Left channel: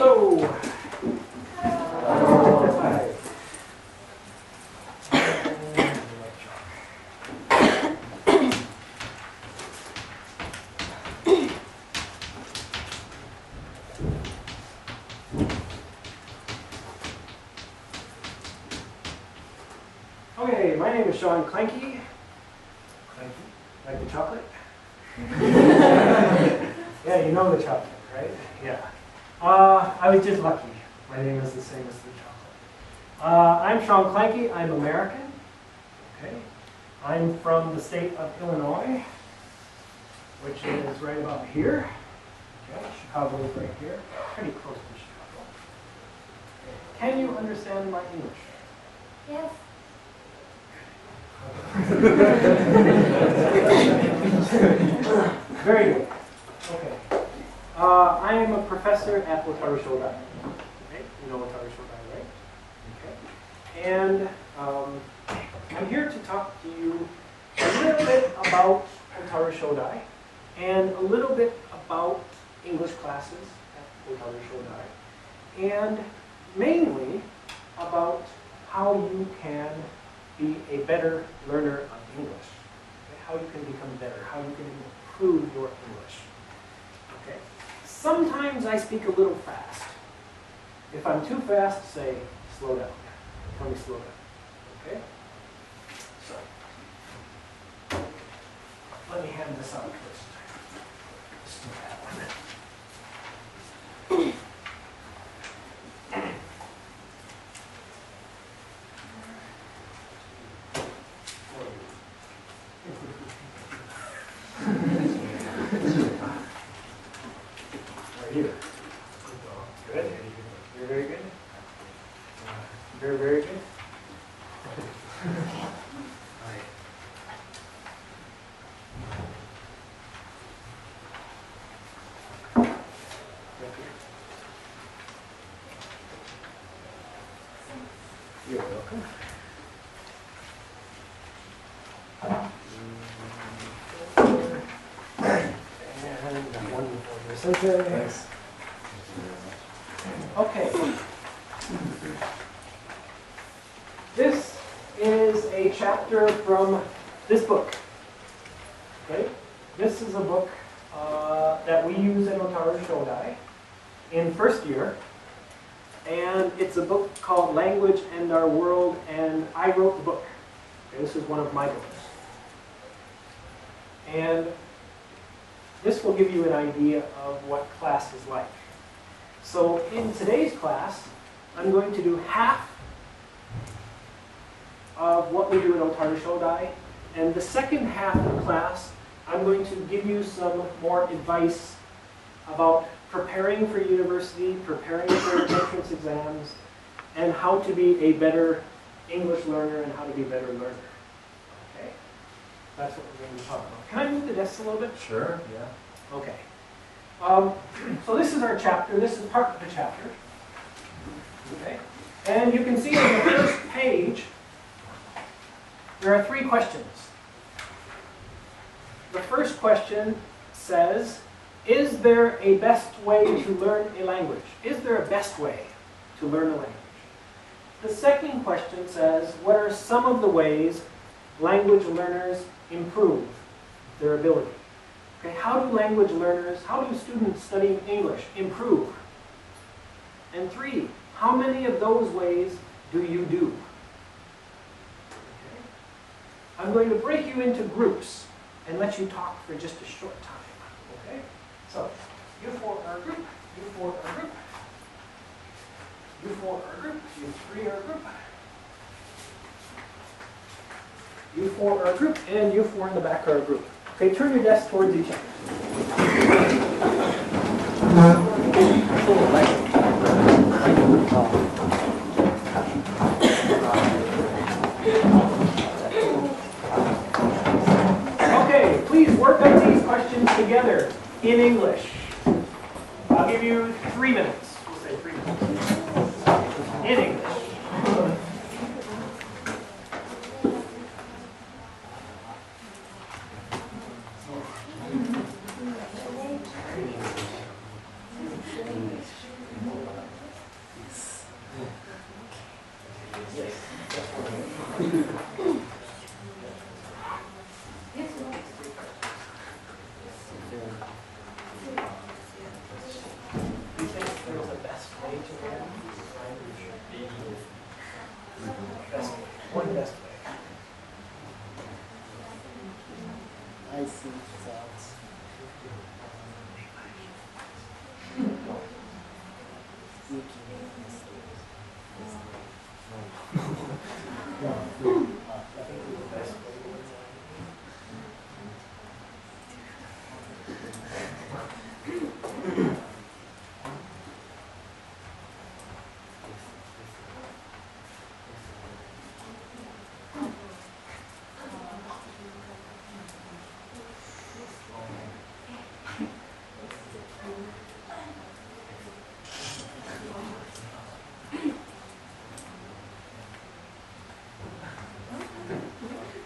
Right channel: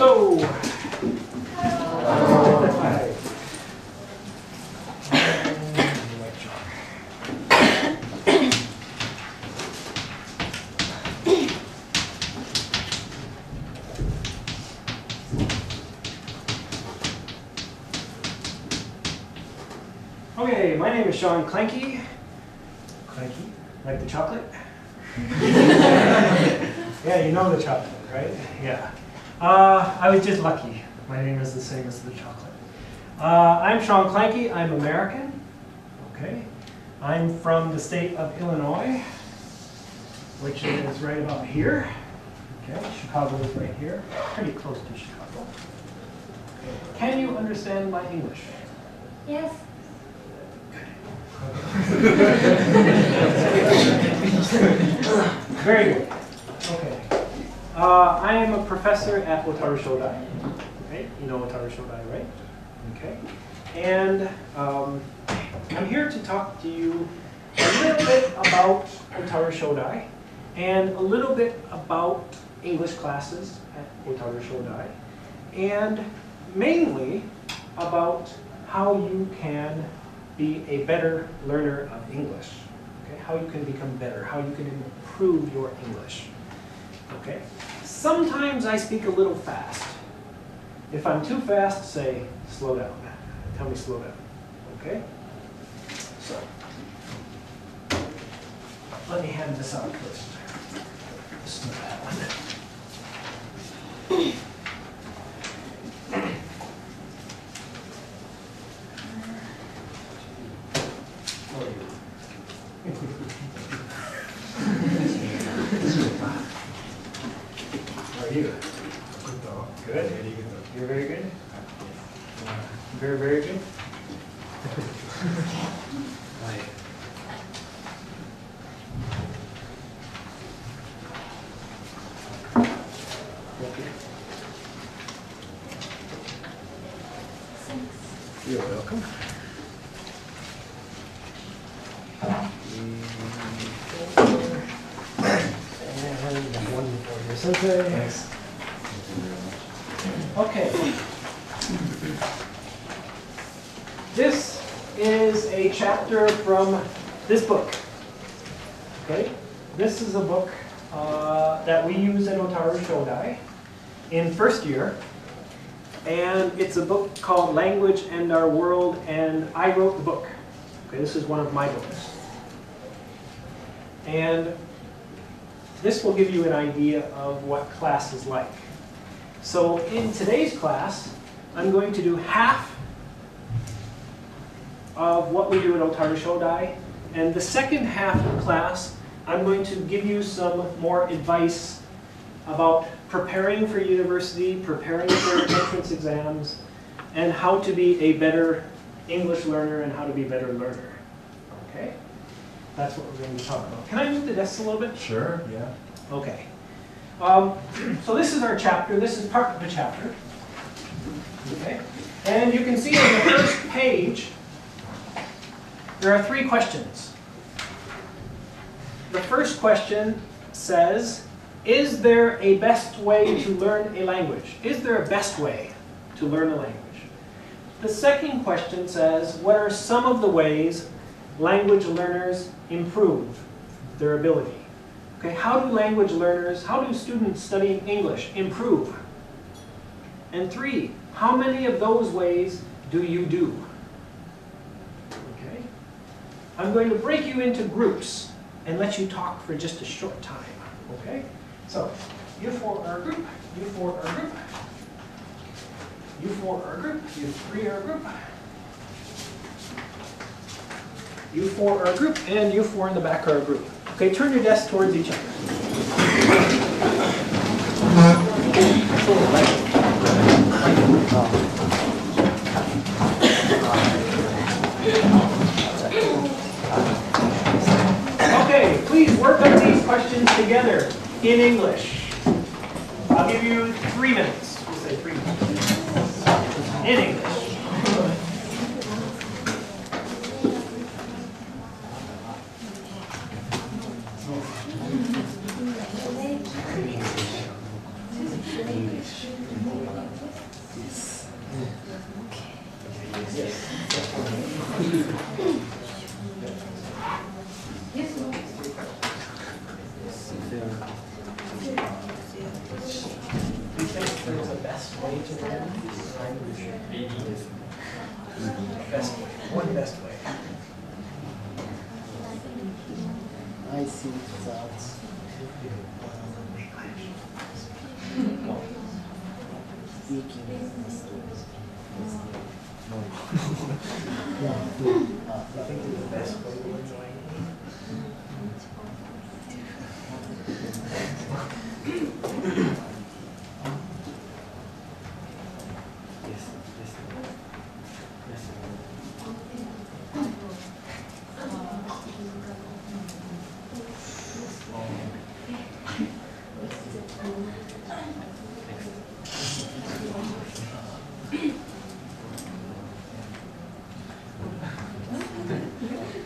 Hello. Hi. Okay, my name is Shawn Clankie. Clankie, like the chocolate? Yeah, you know the chocolate, right? Yeah. I was just lucky. My name is the same as the chocolate. I'm Shawn Clankie. I'm American. Okay. I'm from the state of Illinois, which is right about here. Okay. Chicago is right here, pretty close to Chicago. Can you understand my English? Yes. Very good. Okay. I am a professor at Otaru Shodai. Right? You know Otaru Shodai, right? Okay. And I'm here to talk to you a little bit about Otaru Shodai and a little bit about English classes at Otaru Shodai, and mainly about how you can be a better learner of English. Okay? How you can become better, how you can improve your English. Okay? Sometimes I speak a little fast. If I'm too fast, say, slow down. Tell me slow down. Okay? So, let me hand this out first. This is the bad one. How are you? Good? You're very good? Very, very good? Right. You're welcome. And one for your sensei. Thanks. Okay. This is a chapter from this book. Okay? This is a book that we use in Otaru Shodai in first year. And it's a book called Language and Our World, and I wrote the book. Okay, this is one of my books. And this will give you an idea of what class is like. So in today's class, I'm going to do half of what we do at Otaru Shodai, and the second half of the class, I'm going to give you some more advice about preparing for university, preparing for entrance exams, and how to be a better English learner and how to be a better learner. Okay? That's what we're going to talk about. Can I move the desks a little bit? Sure, yeah. Okay. So this is our chapter. This is part of the chapter. Okay. And you can see on the first page, there are 3 questions. The first question says, is there a best way to learn a language? Is there a best way to learn a language? The second question says, what are some of the ways language learners improve their ability? Okay, how do language learners, how do students studying English improve? And 3, how many of those ways do you do? Okay. I'm going to break you into groups and let you talk for just a short time. Okay? So, you 4 are a group, you 4 are a group, you 4 are a group, you 3 are a group, you 4 are a group, and you 4 in the back are a group. Okay, turn your desks towards each other. Okay, please work on these questions together in English. I'll give you 3 minutes. We'll say 3 minutes. In English. see that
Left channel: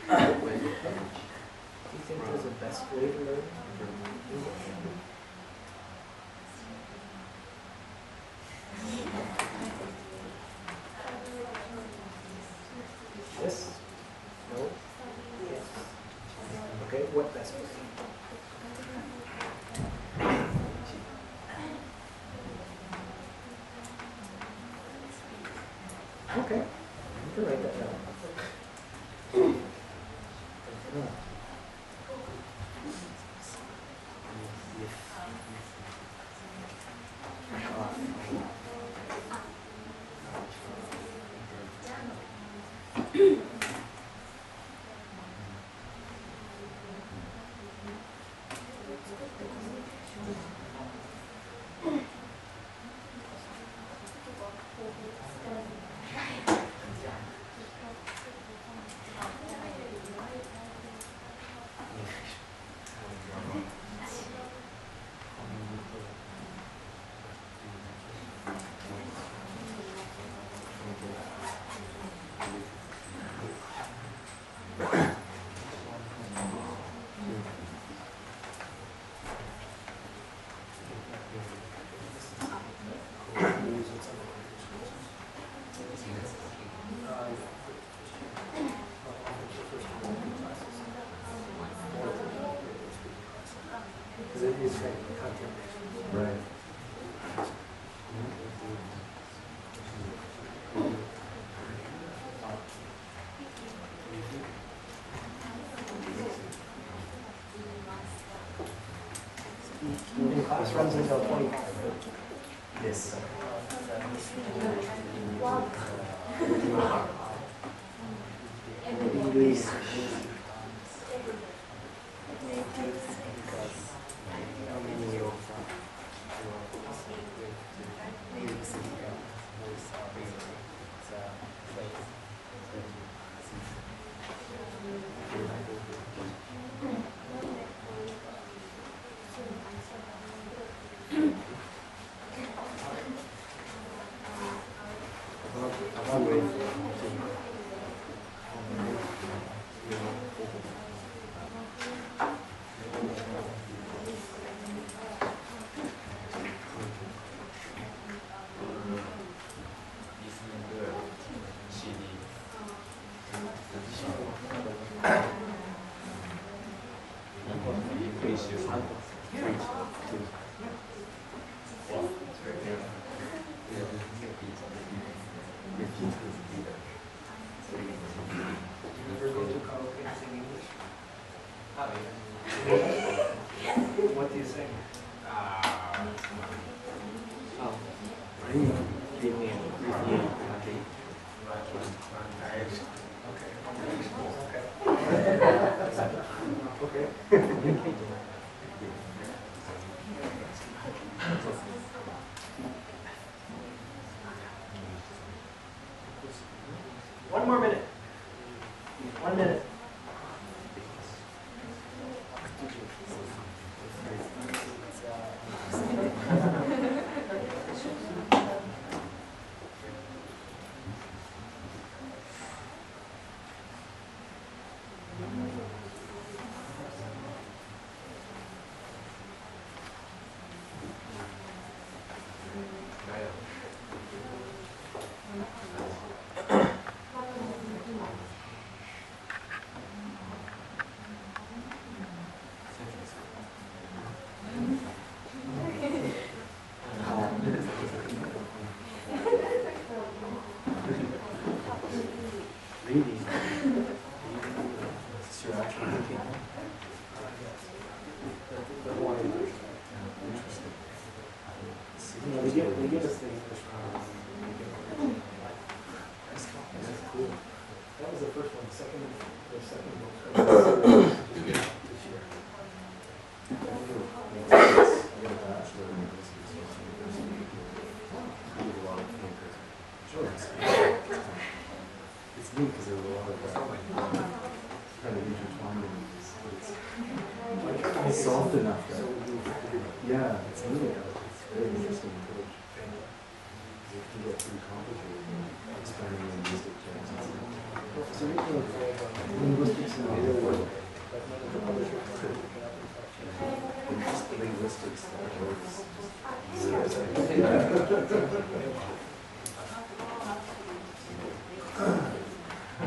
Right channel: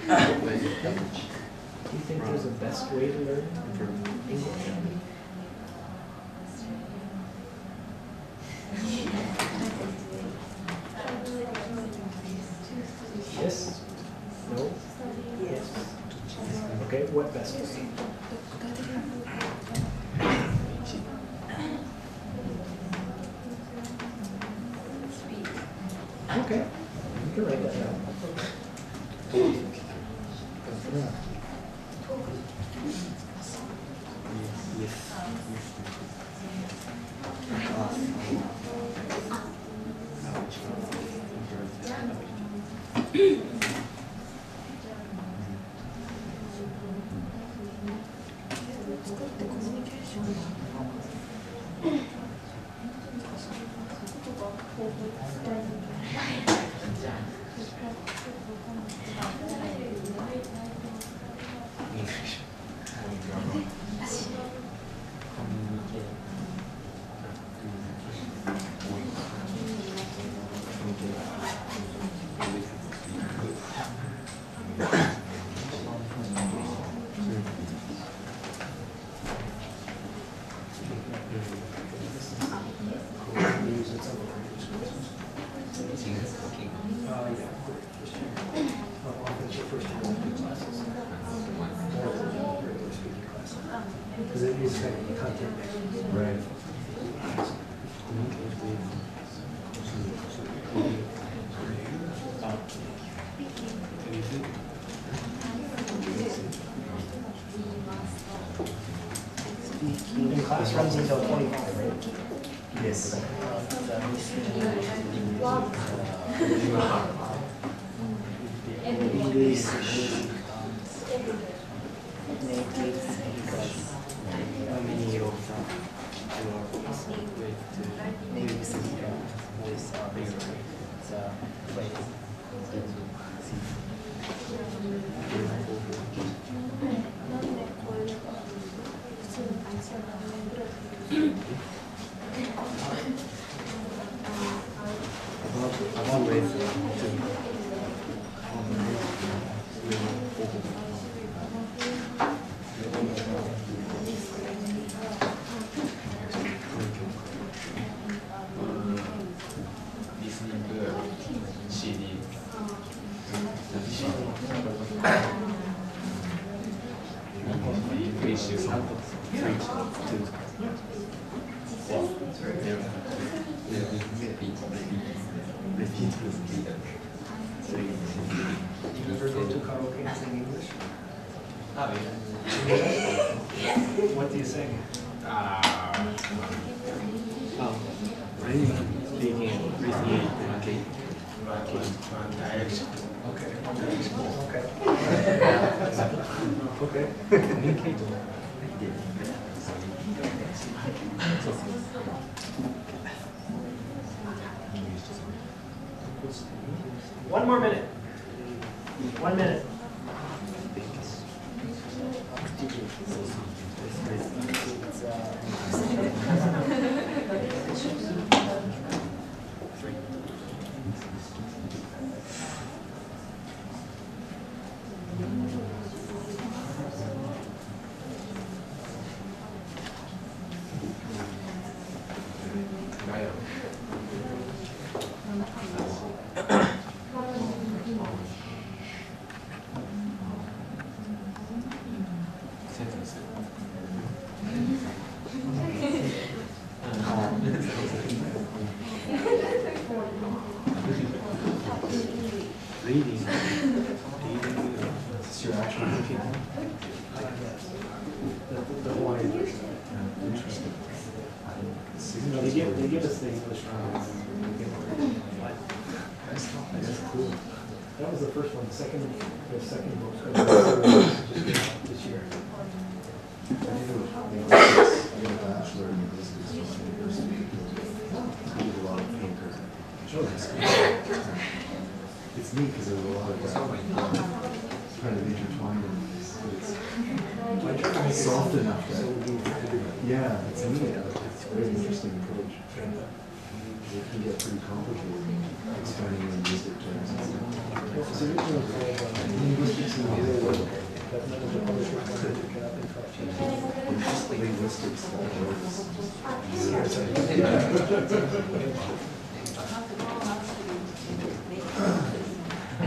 I think the best way to learn English? Yes? No? Yes? Okay, what best way? Okay, you can write that down. Because it is like content. Right. And class runs until 25, right? Yes. English how many of them native speaker with the place? What do you sing? Okay. One more minute. 1 minute. Reading. It's your actual thinking. give us the English comments. That's cool. That was the first one. The second book just came out this year. I did a bachelor in linguistics from the University of California. I did a lot of thinkers. It's neat because there's a lot of kind of intertwined in this. It's soft enough that, yeah, it's neat. It's very interesting approach. It can get pretty complicated explaining linguistic terms. It's originally called Linguistics in the Real World. But none of the publishers wanted to pick it up and try to change it. Linguistics, that word is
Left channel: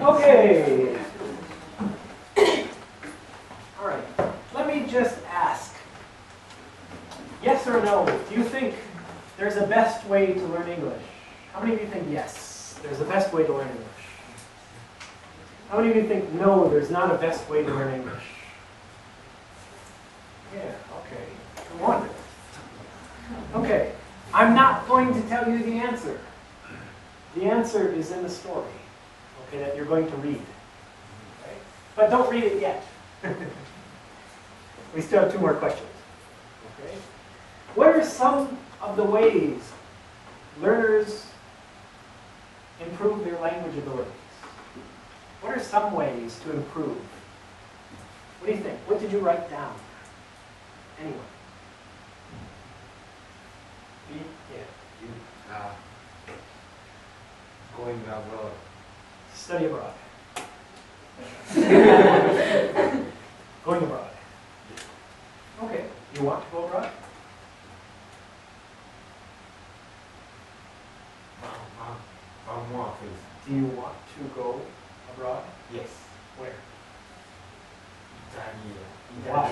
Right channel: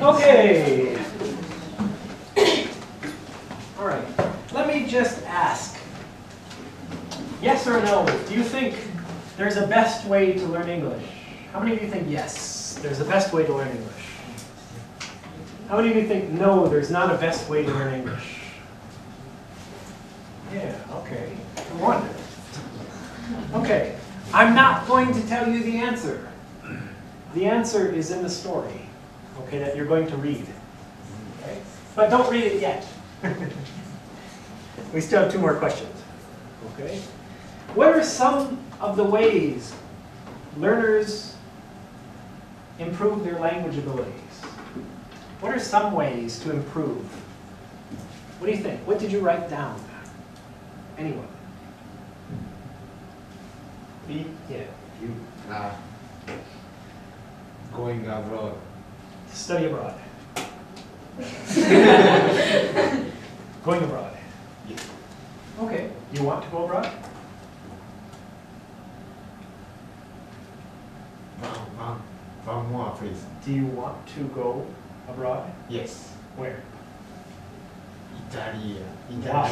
Okay. All right. Let me just ask, yes or no, do you think there's a best way to learn English? How many of you think yes, there's a best way to learn English? How many of you think no, there's not a best way to learn English? Yeah, okay. I wonder. Okay. I'm not going to tell you the answer. The answer is in the story, okay, that you're going to read. Okay? But don't read it yet. We still have 2 more questions. Okay? What are some of the ways learners improve their language abilities? What are some ways to improve? What do you think? What did you write down? Anyone? Yeah. Going abroad. Study abroad. Going abroad. Okay. You want to go abroad? One more, please. Do you want to go abroad? Yes. Where? Italy. Why?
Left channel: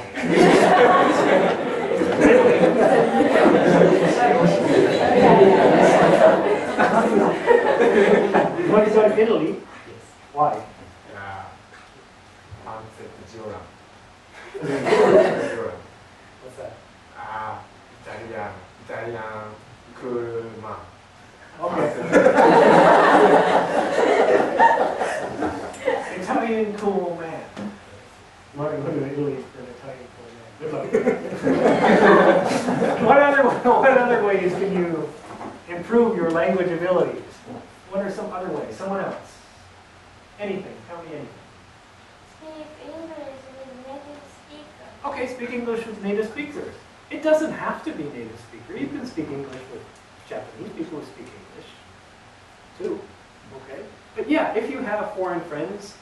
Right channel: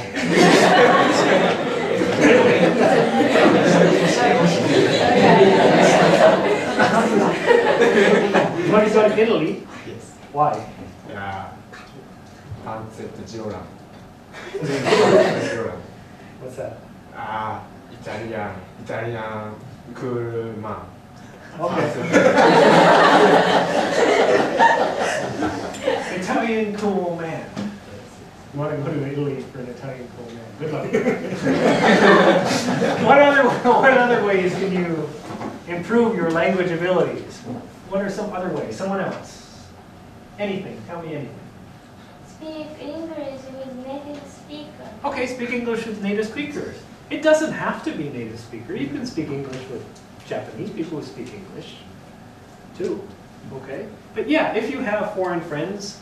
You want to go to Italy? Yes. Why? Concept Joran. What's that? Italian cool man. Okay. Italian cool man. You want to go to Italy for an Italian cool man. Good luck. What other ways can you improve your language abilities? What are some other ways? Someone else? Anything. Tell me anything. Speak English with native speaker. Okay, speak English with native speakers. It doesn't have to be native speaker. You can speak English with Japanese people who speak English too. Okay? But yeah, if you have foreign friends,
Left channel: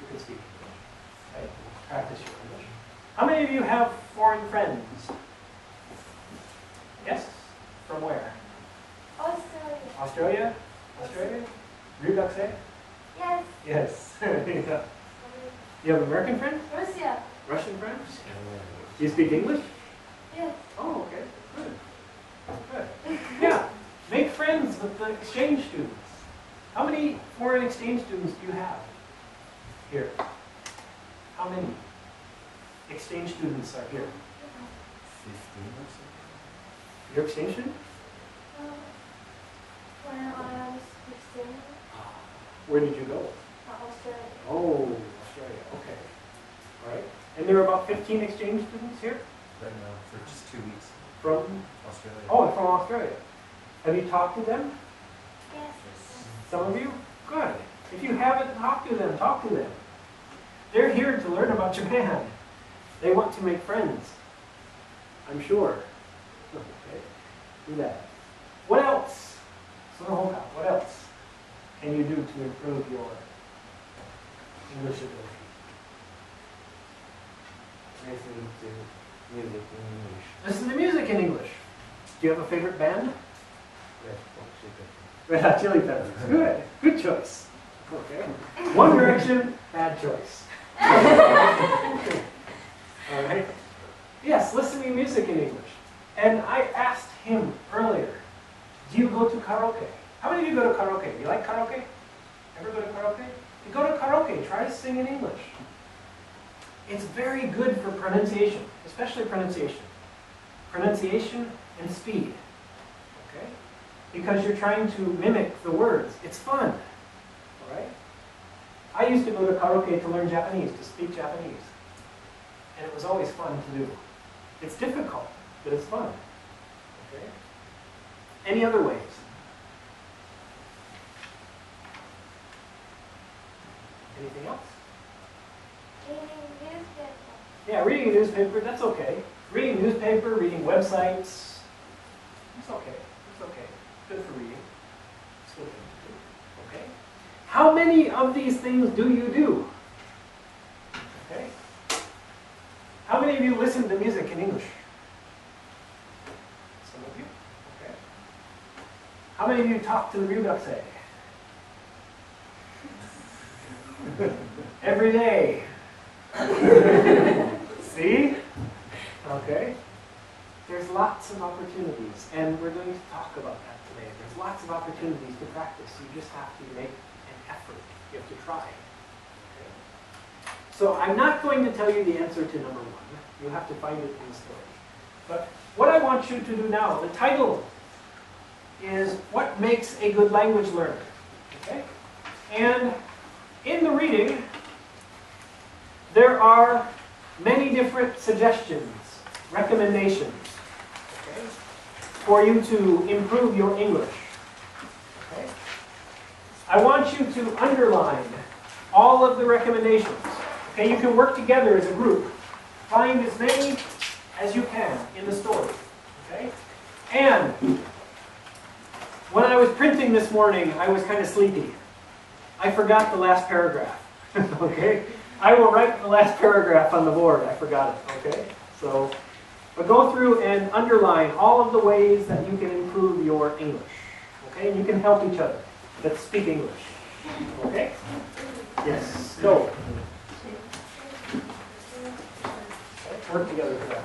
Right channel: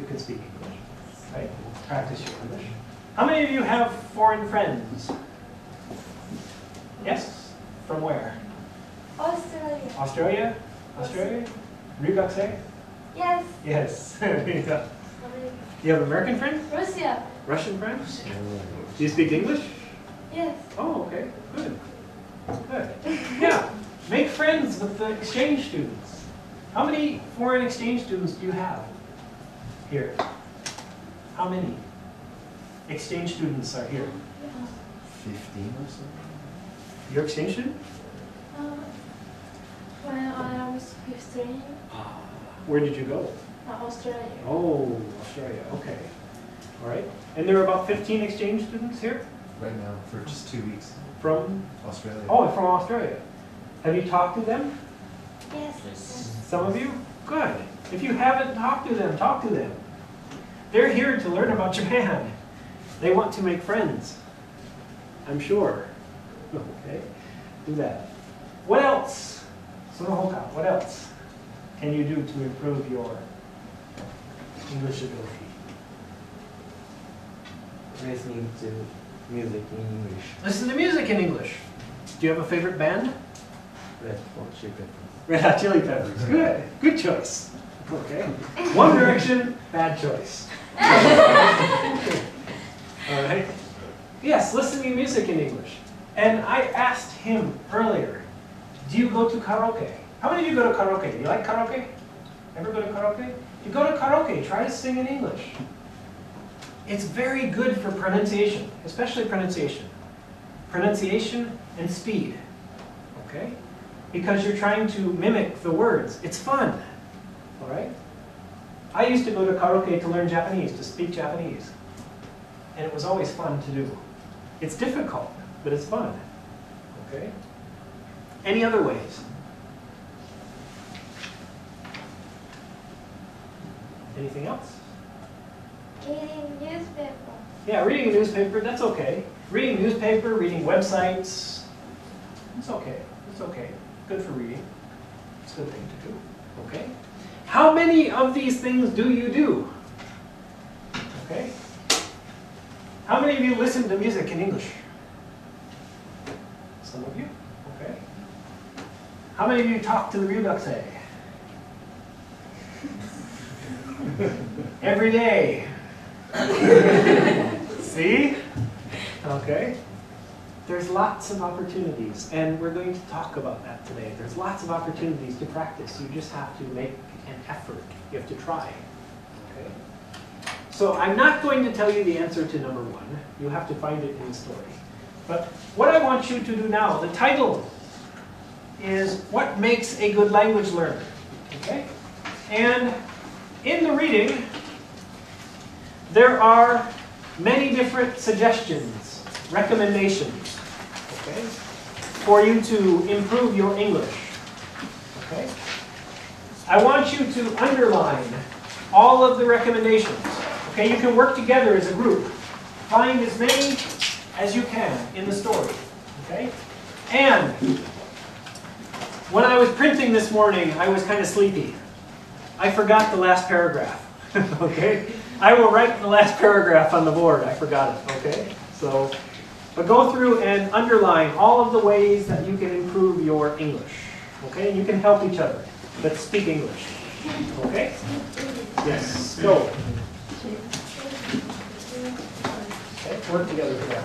you can speak English. Right? Practice your English. How many of you have foreign friends? Yes? From where? Australia. Australia? Australia? Ryugakusei? Yes. Yes. You have American friends? Russia. Russian friends? Do you speak English? Yes. Oh, okay. Good. Good. Yeah. Make friends with the exchange students. How many foreign exchange students do you have here? How many exchange students are here? 15 or so? Your exchange student? When I was 15, Where did you go? Australia. Oh, Australia. Okay. All right. And there are about 15 exchange students here Right now, for just 2 weeks. from, Australia. oh, from Australia. Have you talked to them? Yes. Some of you? Good. If you haven't talked to them, talk to them. They're here to learn about Japan. They want to make friends. I'm sure. Okay. Do that. What else? Sonohoka, what else can you do to improve your English ability? Listening to music in English. Listen to music in English. Do you have a favorite band? Red Hot Chili Peppers. Red Hot Chili Peppers. Good. Good choice. Okay. One Direction, bad choice. All right. Yes, listening to music in English. And I asked him earlier, do you go to karaoke? How many of you go to karaoke? Do you like karaoke? Ever go to karaoke? If you go to karaoke, try to sing in English. It's very good for pronunciation, especially pronunciation. Pronunciation and speed. okay? Because you're trying to mimic the words. It's fun, all right? I used to go to karaoke to learn Japanese, to speak Japanese. And it was always fun to do. It's difficult, but it's fun, okay? Any other ways? Anything else? Reading newspaper. Yeah, reading a newspaper, that's okay. Reading newspaper, reading websites, it's okay. It's okay. Good for reading. It's a good thing to do. Okay? How many of these things do you do? Okay? How many of you listen to music in English? Some of you? Okay. How many of you talk to the ryugakusei? Every day. See? Okay. There's lots of opportunities, and we're going to talk about that today. There's lots of opportunities to practice. You just have to make an effort. You have to try. Okay? So I'm not going to tell you the answer to number one. You have to find it in the story. But what I want you to do now, the title is What Makes a Good Language Learner? Okay? And in the reading, there are many different suggestions, recommendations, okay, for you to improve your English. Okay? I want you to underline all of the recommendations. Okay, you can work together as a group. Find as many as you can in the story. Okay? And when I was printing this morning, I was kind of sleepy. I forgot the last paragraph. Okay? I will write the last paragraph on the board. I forgot it. Okay? So, but go through and underline all of the ways that you can improve your English. Okay? And you can help each other. Let's speak English. Okay? Yes. Go. Okay, work together for that.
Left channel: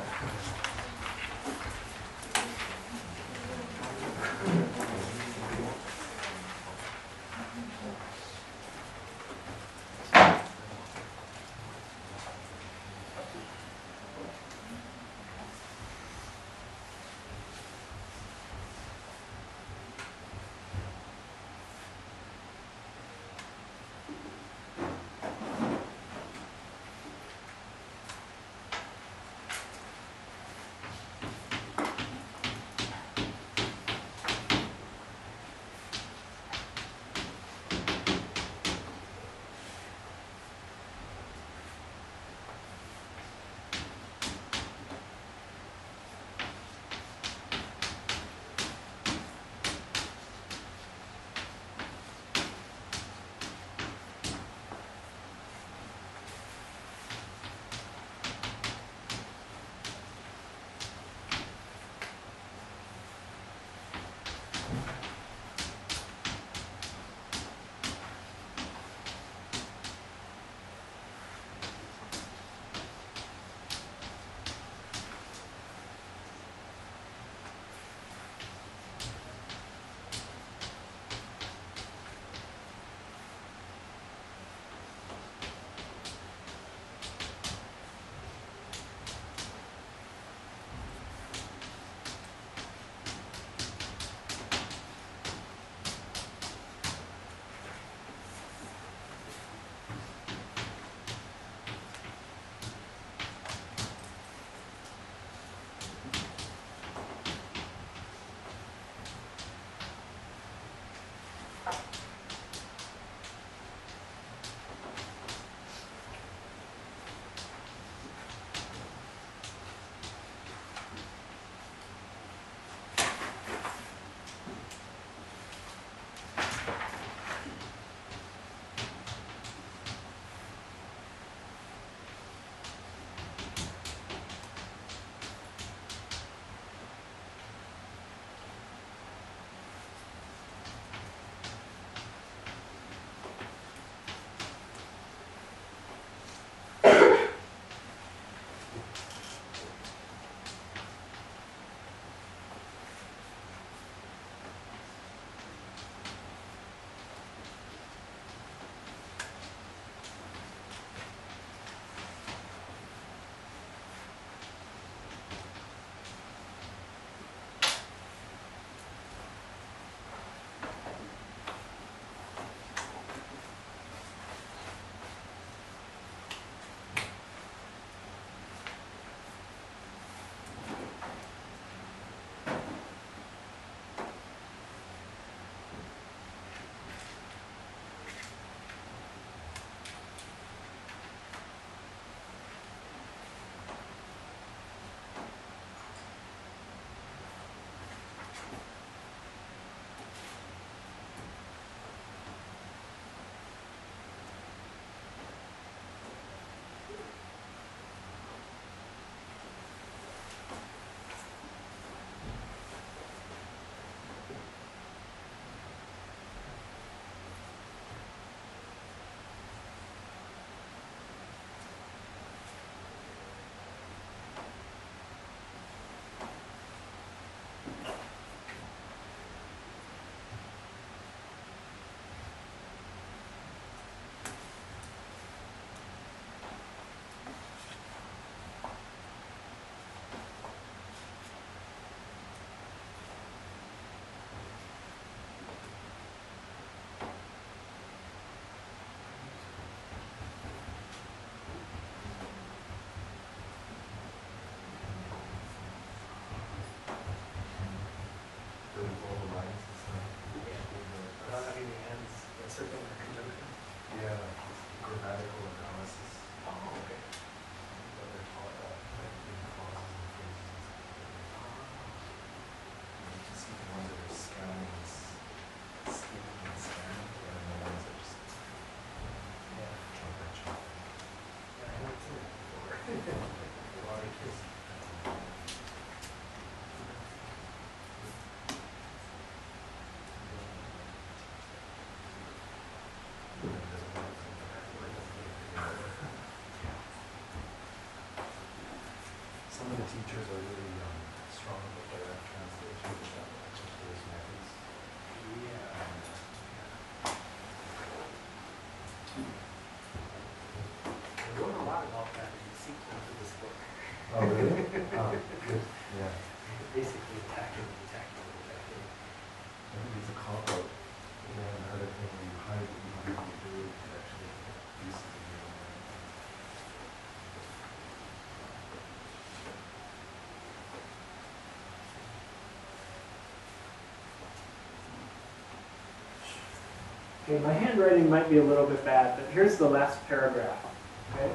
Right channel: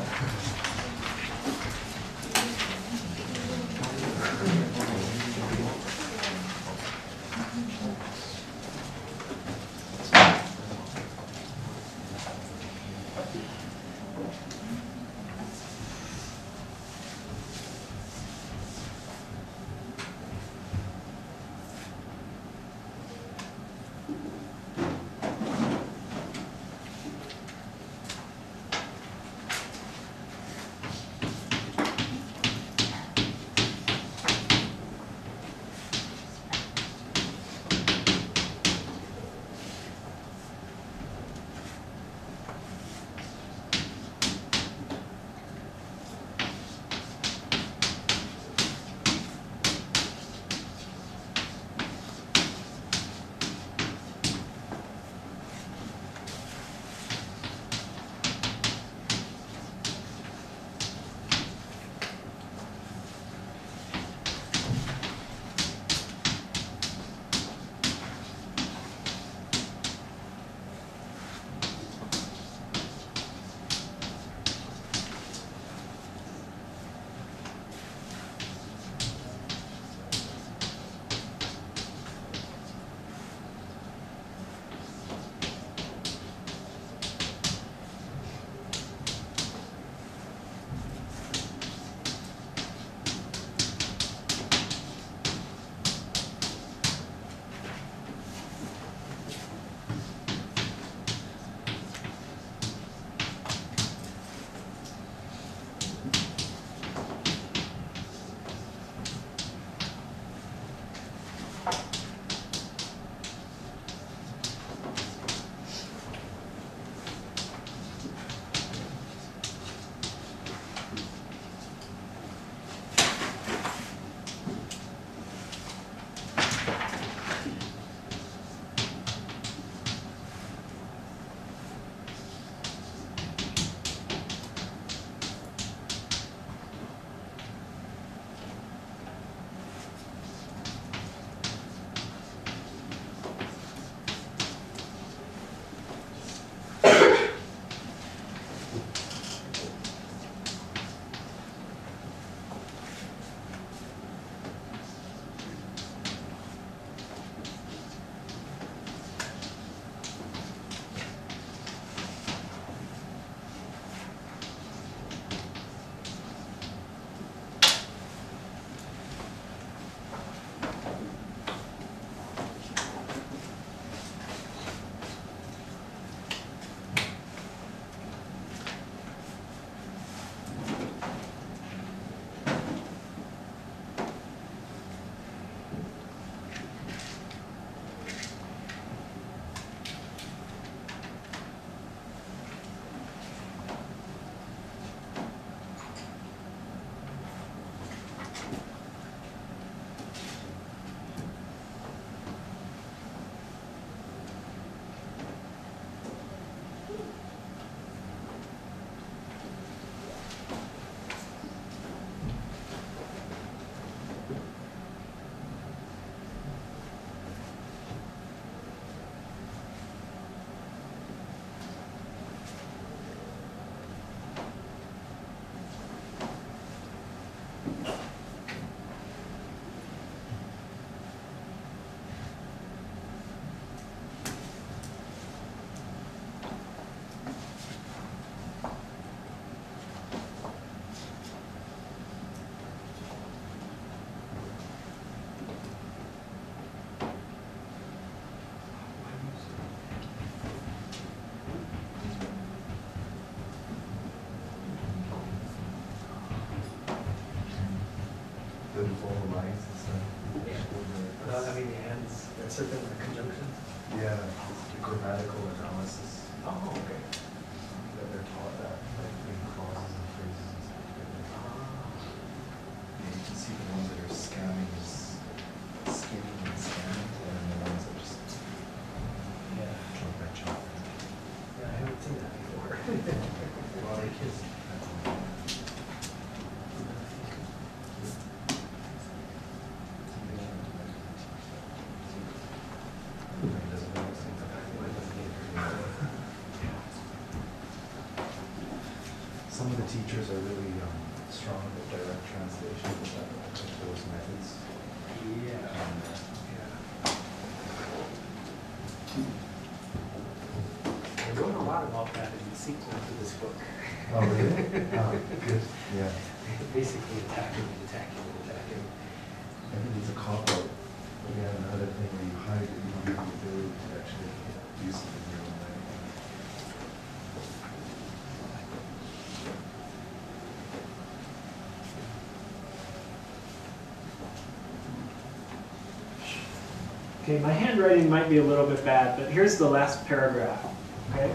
Some of the teachers are really strong with direct translation of those methods. I wrote a lot about that in the sequel to this book. Oh, really? Oh, good. Yeah. Basically attacking. I think it's a cop-out. Yeah, another thing where you hide it, you don't have the ability to actually use it in your own life. Okay, my handwriting might be a little bit bad, but here's the last paragraph. Okay?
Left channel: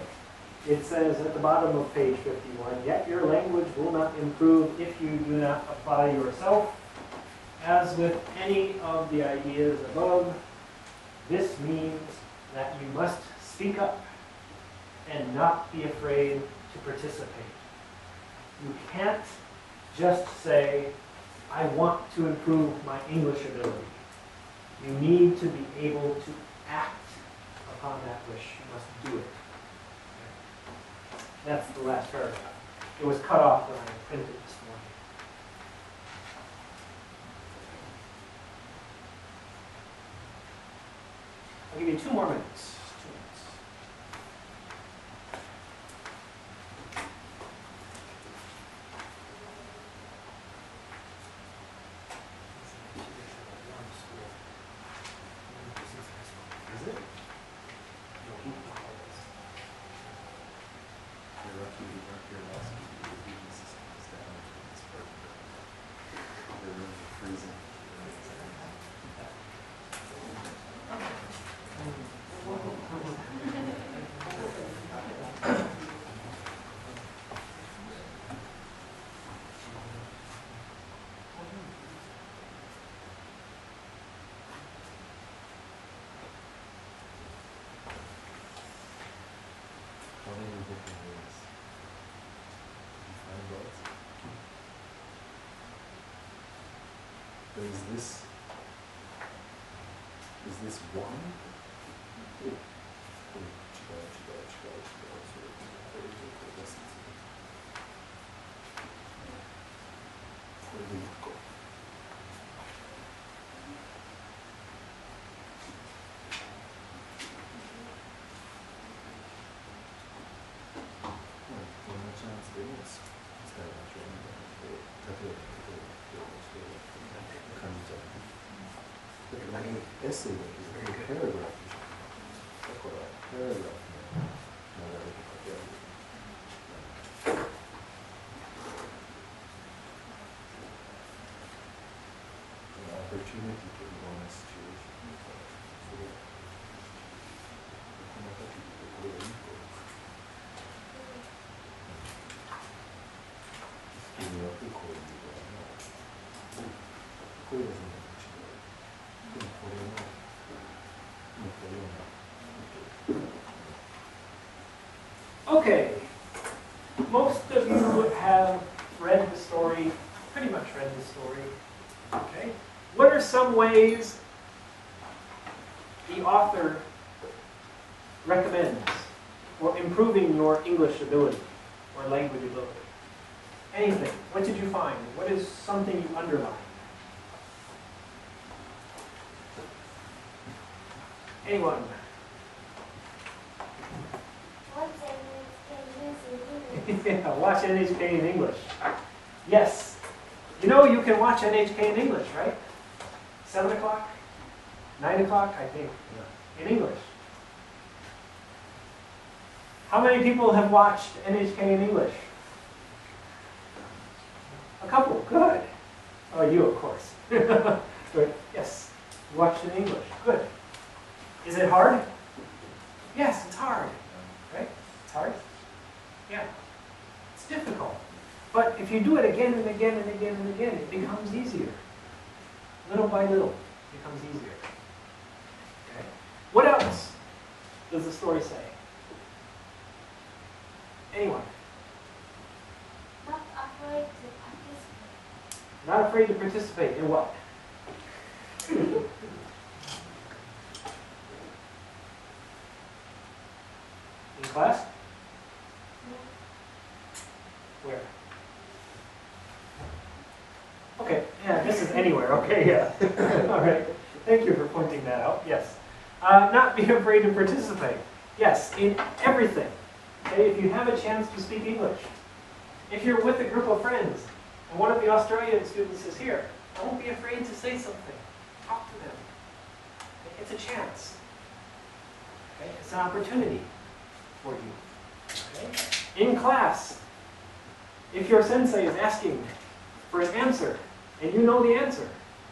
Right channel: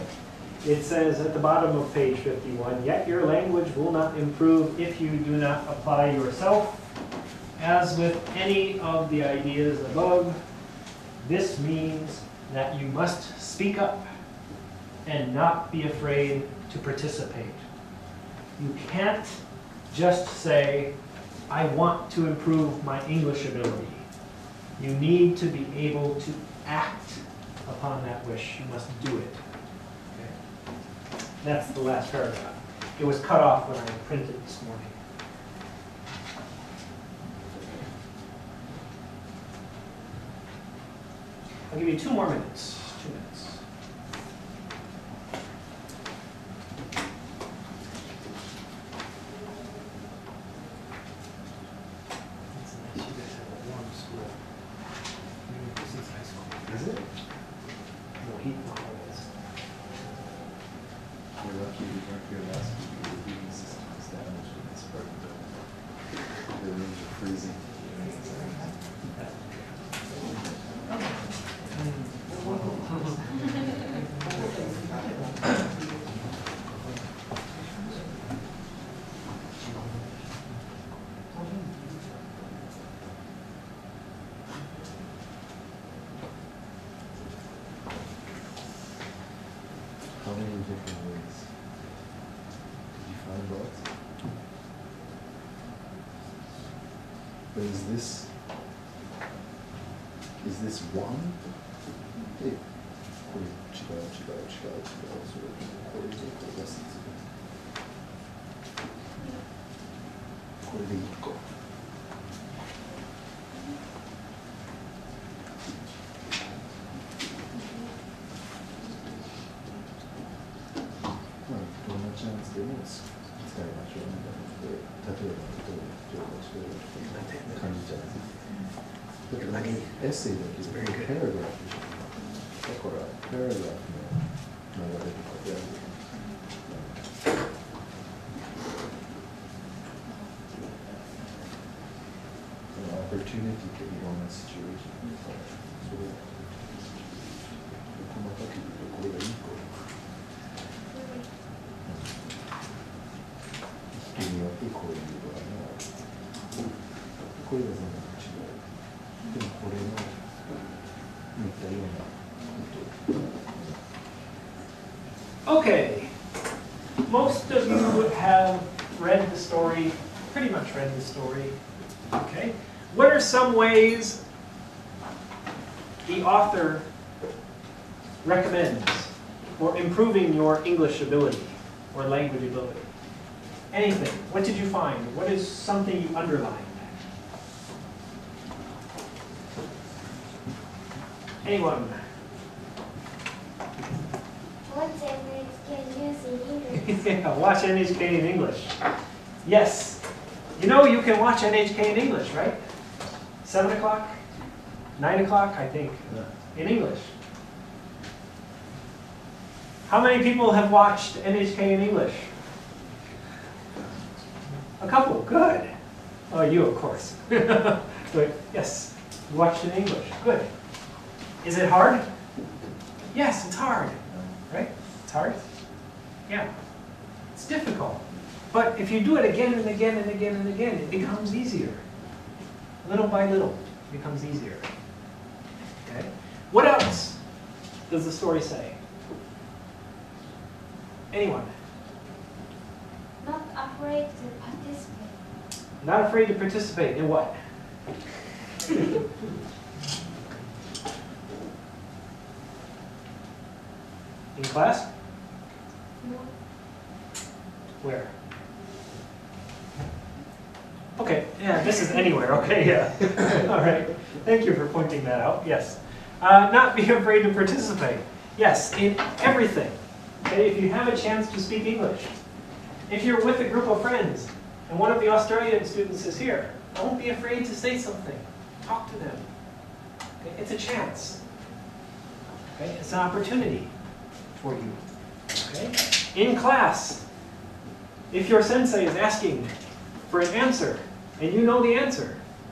It says at the bottom of page 51, yet your language will not improve if you do not apply yourself. As with any of the ideas above, this means that you must speak up and not be afraid to participate. You can't just say, I want to improve my English ability. You need to be able to act upon that wish. You must do it. Okay. That's the last paragraph. It was cut off when I printed this morning. I'll give you 2 more minutes. 2 minutes. Is it? No, he You're lucky you weren't here last week. The heating system is damaged and it's part of the rooms are freezing. How many different ways? Did you find both? But is this one? Hey, essay book is very good. Paragraph. Paragraph. An opportunity to be on a situation. Okay, most of you have read the story, pretty much read the story. Okay, what are some ways the author recommends for improving your English ability or language ability? Anything? What did you find? What is something you underlined? Anyone? Yeah, watch NHK in English. Yes. You know you can watch NHK in English, right? 7 o'clock? 9 o'clock, I think, in English. How many people have watched NHK in English? A couple, good. Oh, you, of course. Good, yes. You watched it in English, good. Is it hard? Yes, it's hard, right? It's hard? Yeah. It's difficult. But if you do it again and again and again and again, it becomes easier. Little by little, it becomes easier. Okay? What else does the story say? Anyone? Not afraid to participate. Not afraid to participate in what? In class? No. Where? Okay, yeah, this is anywhere, okay, yeah. All right, thank you for pointing that out, yes. Not be afraid to participate. Yes, in everything. Okay, if you have a chance to speak English. If you're with a group of friends, and one of the Australian students is here, don't be afraid to say something. Talk to them. Okay, it's a chance. Okay, it's an opportunity for you. Okay? In class, if your sensei is asking for an answer, and you know the answer,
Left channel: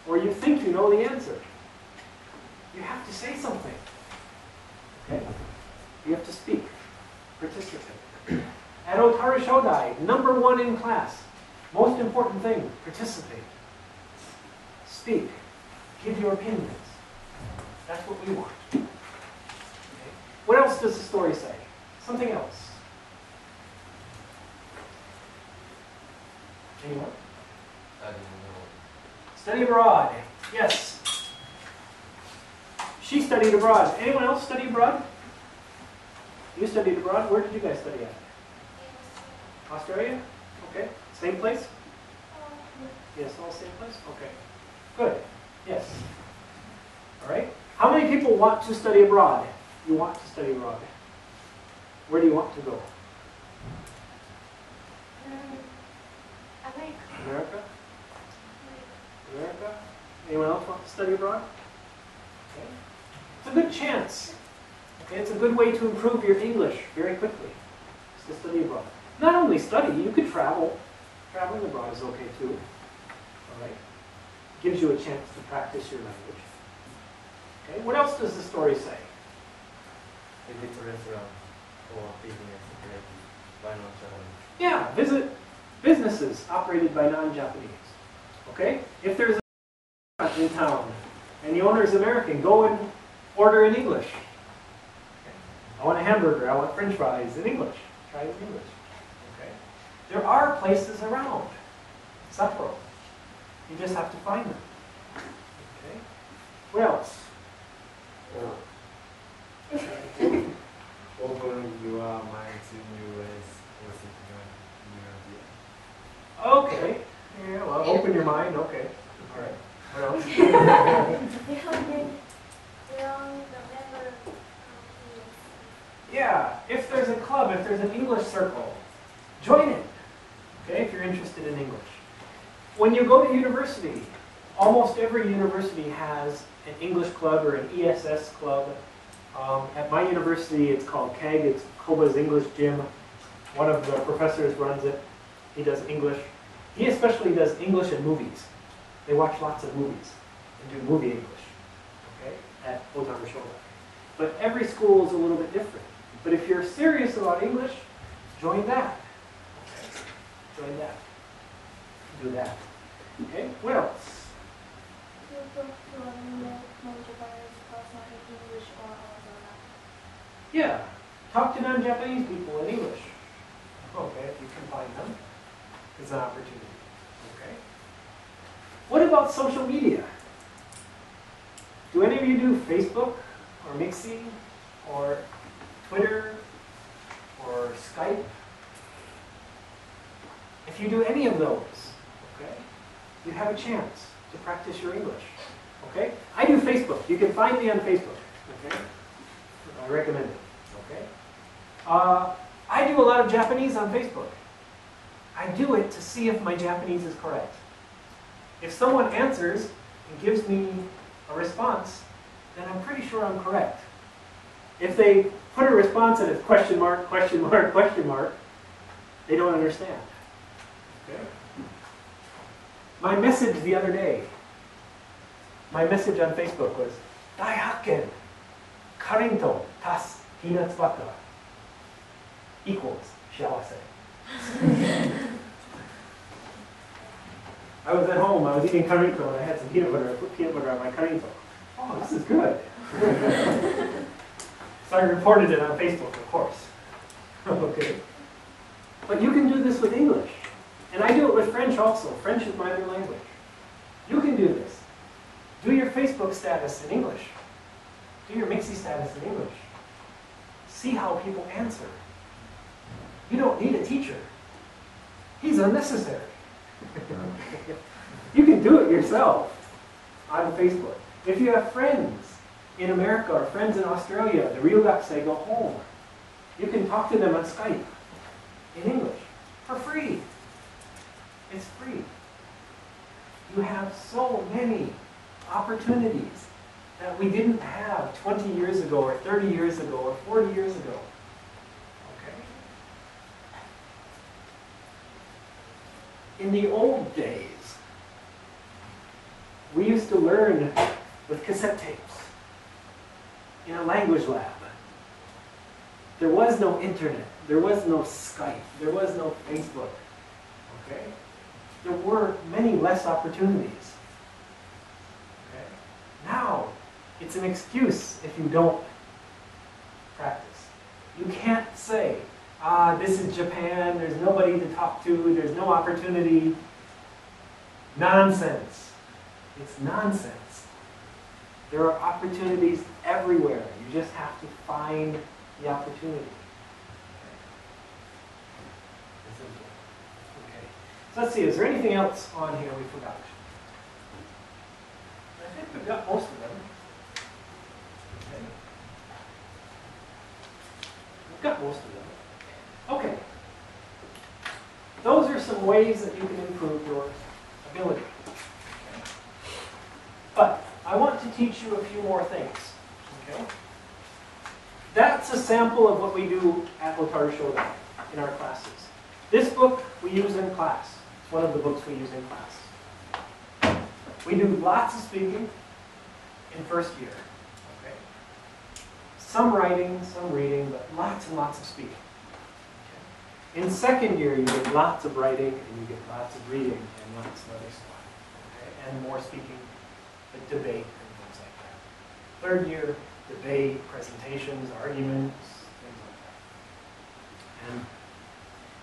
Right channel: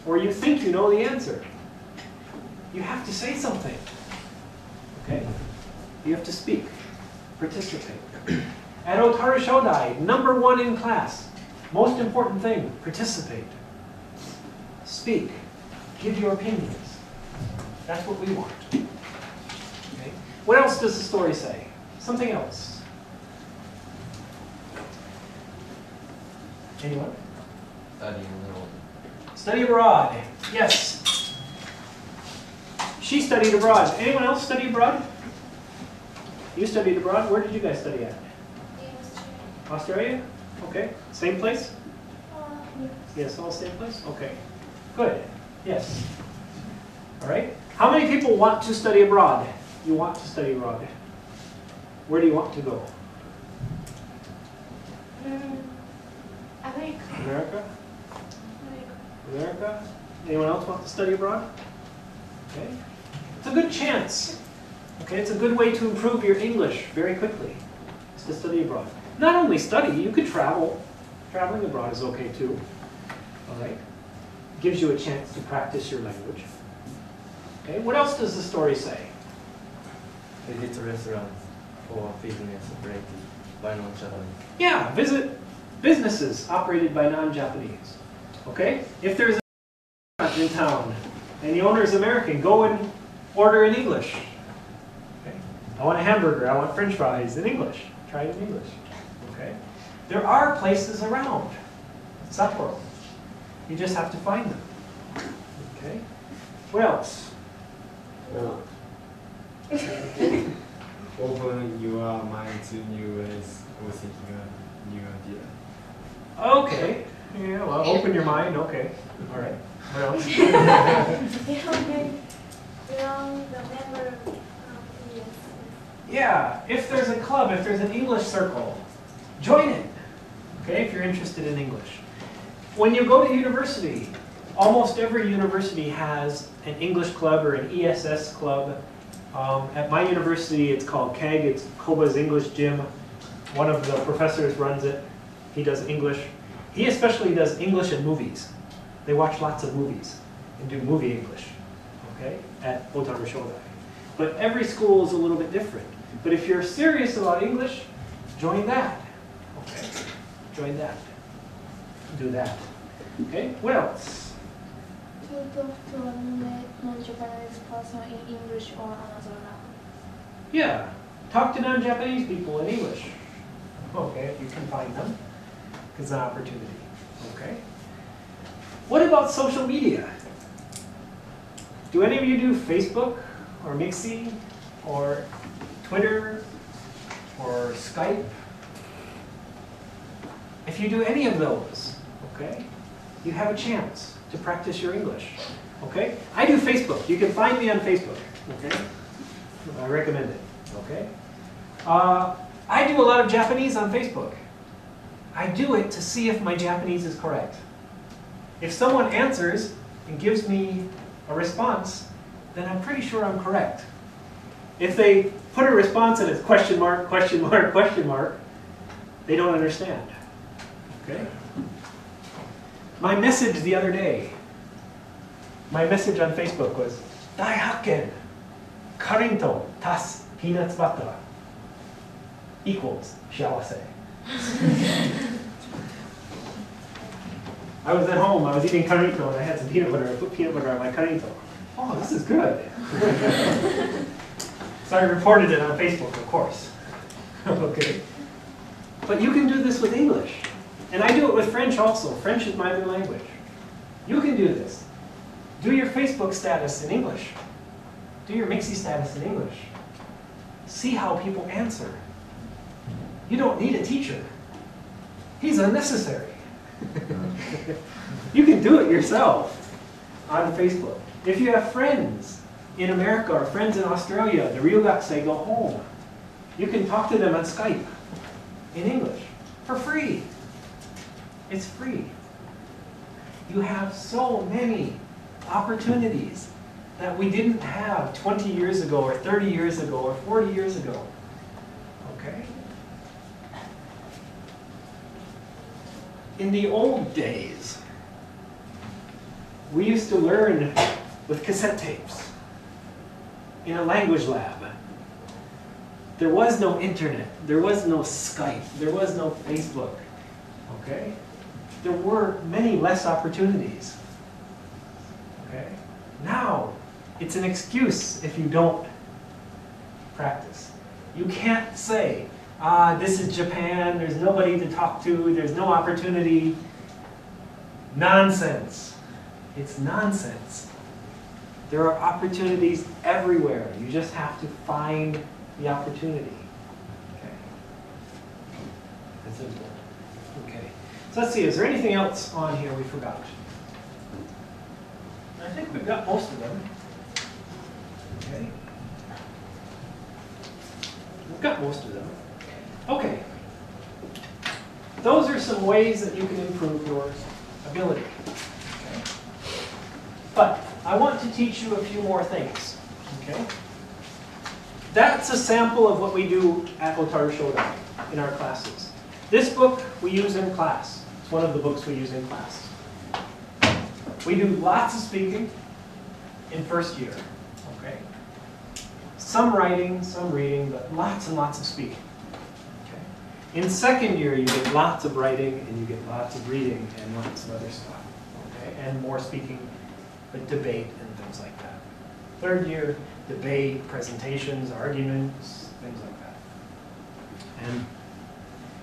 or you think you know the answer, you have to say something. Okay? You have to speak, participate. At Otaru Shodai, #1 in class, most important thing, participate. Speak, give your opinions. That's what we want. Okay? What else does the story say? Something else. Anyone? Study abroad. Yes. She studied abroad. Anyone else study abroad? You studied abroad? Where did you guys study at? Australia? Okay. Same place? Yes, all same place? Okay. Good. Yes. All right. How many people want to study abroad? You want to study abroad. Where do you want to go? America. America? America? Anyone else want to study abroad? Okay. It's a good chance. Okay, it's a good way to improve your English very quickly. It's to study abroad. Not only study, you could travel. Traveling abroad is okay too. All right. Gives you a chance to practice your language. Okay, what else does the story say? Visit restaurants or business operated by non-Japanese. Yeah, visit businesses operated by non-Japanese. Okay? If there's a restaurant in town and the owner is American, go and order in English. Okay? I want a hamburger, I want French fries in English. Try it in English. Okay? There are places around Sapporo. You just have to find them. Okay? What else? Open your mind to new ways or thinking of new idea. Okay. Yeah, well, open your mind. Okay. All right. What else? Belong the member of EUC. Yeah. If there's a club, if there's an English circle, join it. Okay, if you're interested in English. When you go to university, almost every university has an English club or an ESS club. At my university, it's called KEG. It's Koba's English Gym. One of the professors runs it. He does English. He especially does English and movies. They watch lots of movies and do movie English, okay, at Otaru Shodai. But every school is a little bit different. But if you're serious about English, join that. Okay, join that. Do that. Okay, what else? To talk to a non-Japanese person in English or Amazon. Yeah, talk to non-Japanese people in English. Okay, if you can find them. It's an opportunity. Okay. What about social media? Do any of you do Facebook or Mixi or Twitter or Skype? If you do any of those, okay, you have a chance to practice your English. Okay? I do Facebook. You can find me on Facebook. Okay? I recommend it. Okay? I do a lot of Japanese on Facebook. I do it to see if my Japanese is correct. If someone answers and gives me a response, then I'm pretty sure I'm correct. If they put a response and it's question mark, question mark, question mark, they don't understand. Okay? My message the other day, my message on Facebook was, Daihakken, karinto tas peanuts butter equals shiawase. I was at home, I was eating karinto, and I had some peanut butter. I put peanut butter on my karinto. Oh, this is good. So I reported it on Facebook, of course. Okay. But you can do this with English. And I do it with French also. French is my other language. You can do this. Do your Facebook status in English. Do your Mixie status in English. See how people answer. You don't need a teacher. He's unnecessary. You can do it yourself on Facebook. If you have friends in America or friends in Australia, the Ryugakusei go home. You can talk to them on Skype in English for free. It's free. You have so many opportunities that we didn't have 20 years ago or 30 years ago or 40 years ago. Okay? In the old days, we used to learn with cassette tapes in a language lab. There was no internet. There was no Skype. There was no Facebook. Okay? There were many less opportunities. Okay? Now, it's an excuse if you don't practice. You can't say, this is Japan, there's nobody to talk to, there's no opportunity. Nonsense. It's nonsense. There are opportunities everywhere. You just have to find the opportunity. Okay. That's important. Okay. So let's see, is there anything else on here we forgot? I think we've got most of them. Okay. We've got most of them. Okay. Those are some ways that you can improve your ability. Okay. But I want to teach you a few more things. Okay. That's a sample of what we do at Otaru Shodai in our classes. This book we use in class. It's one of the books we use in class. We do lots of speaking in first year. Okay. Some writing, some reading, but lots and lots of speaking. Okay. In second year, you get lots of writing and you get lots of reading and lots of other stuff. Okay. And more speaking, but debate and things like that. Third year, debate, presentations, arguments, things like that. And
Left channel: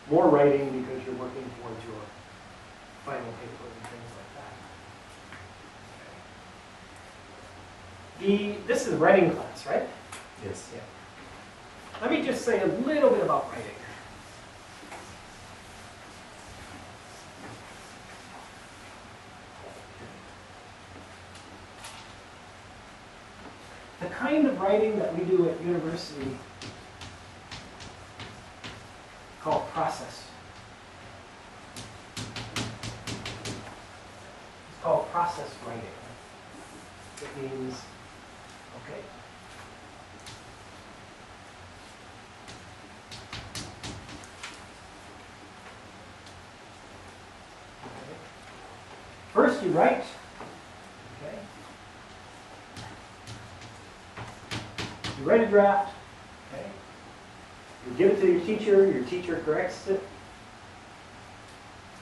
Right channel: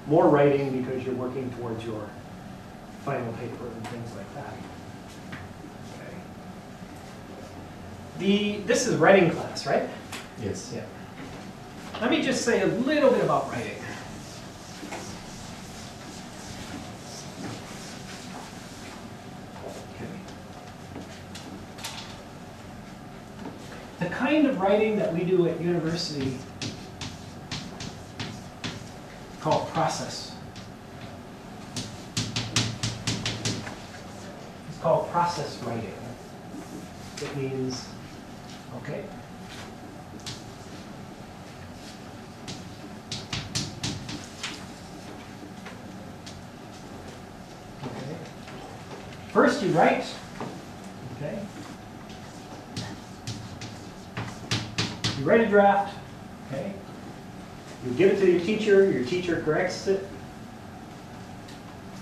more writing because you're working towards your final paper and things like that. Okay. This is writing class, right? Yes. Yeah. Let me just say a little bit about writing. The kind of writing that we do at university called process. It's called process writing. It means, okay, first you write, okay. You write a draft, okay. You give it to your teacher corrects it,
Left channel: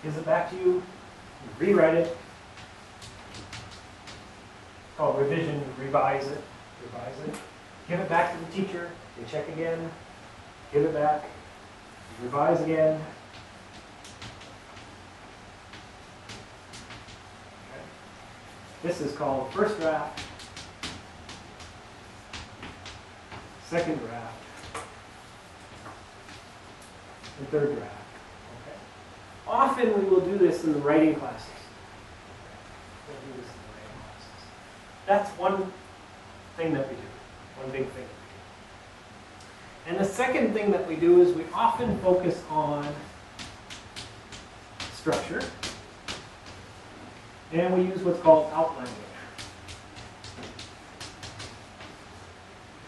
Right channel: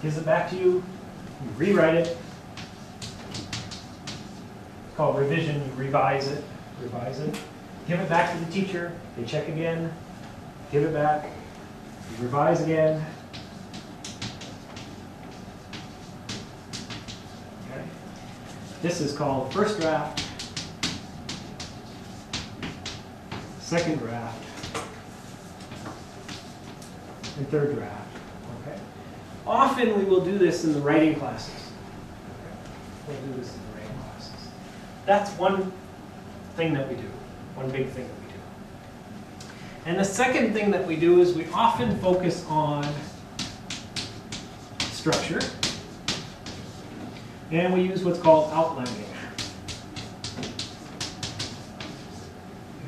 gives it back to you, you rewrite it. It's called revision, you revise it. Give it back to the teacher, they check again, give it back, you revise again. Okay. This is called first draft, second draft, and third draft. Okay. Often we will do this in the writing classes. We'll do this in the writing classes. That's one thing that we do, one big thing that we do. And the second thing that we do is we often focus on structure, and we use what's called outlining.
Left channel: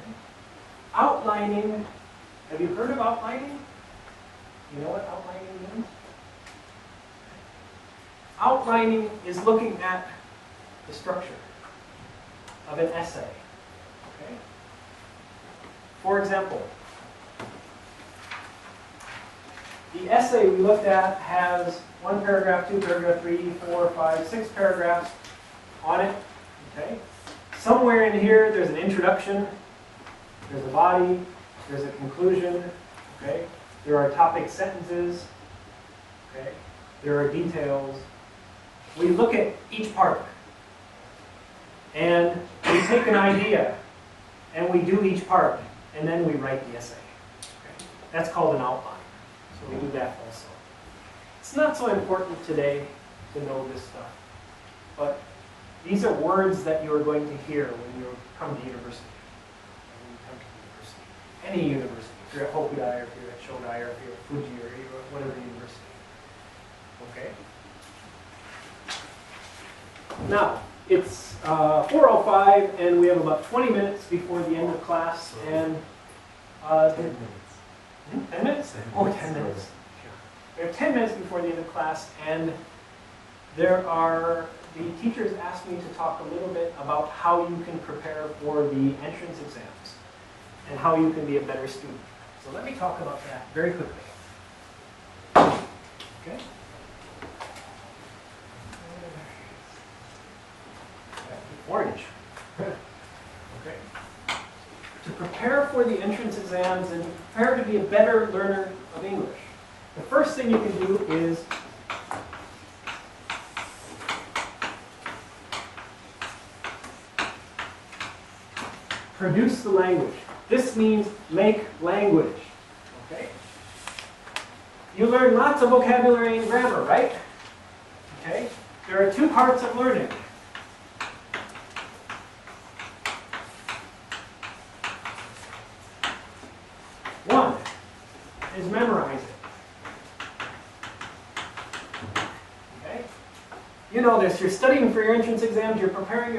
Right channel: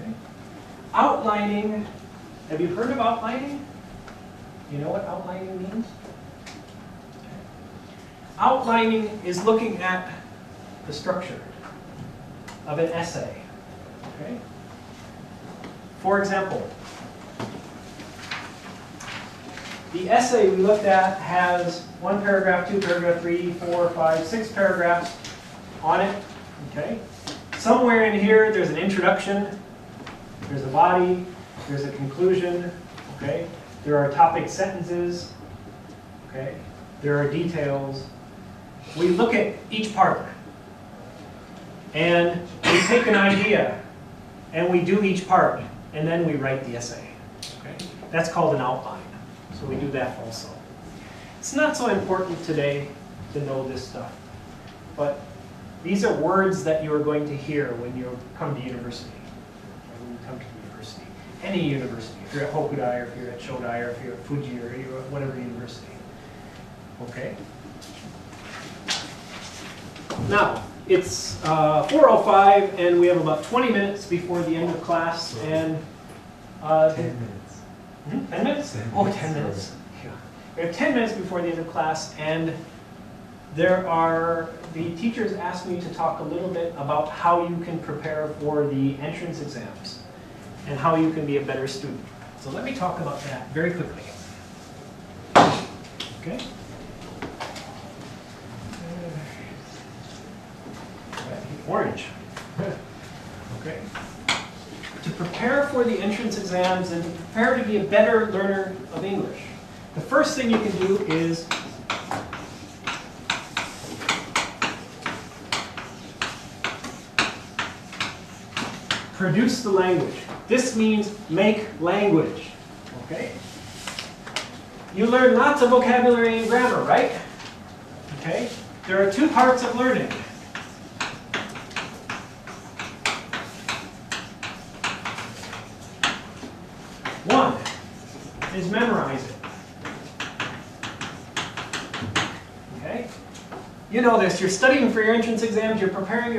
Okay. Outlining, have you heard of outlining? You know what outlining means? Outlining is looking at the structure of an essay. Okay? For example, the essay we looked at has 1 paragraph, 2 paragraph, 3, 4, 5, 6 paragraphs on it. Okay? Somewhere in here there's an introduction, there's a body, there's a conclusion. Okay? There are topic sentences. Okay? There are details. We look at each part. And we take an idea and we do each part. And then we write the essay. Okay? That's called an outline. So we do that also. It's not so important today to know this stuff. But these are words that you are going to hear when you come to university. When you come to university. Any university. If you're at Hokudai, or if you're at Shodai, or if you're at Fuji, or you're at whatever university. Okay? Now, it's 4:05, and we have about 20 minutes before the end of class. And 10 minutes. 10 minutes? 10 Oh, minutes. 10 minutes. Yeah. We have 10 minutes before the end of class, and the teachers asked me to talk a little bit about how you can prepare for the entrance exams and how you can be a better student. So let me talk about that very quickly. Okay? Orange. Okay. To prepare for the entrance exams and to prepare to be a better learner of English, the first thing you can do is produce the language. This means make language. Okay? You learn lots of vocabulary and grammar, right? Okay? There are two parts of learning. One is memorize it. Okay? You know this. You're studying for your entrance exams. You're preparing,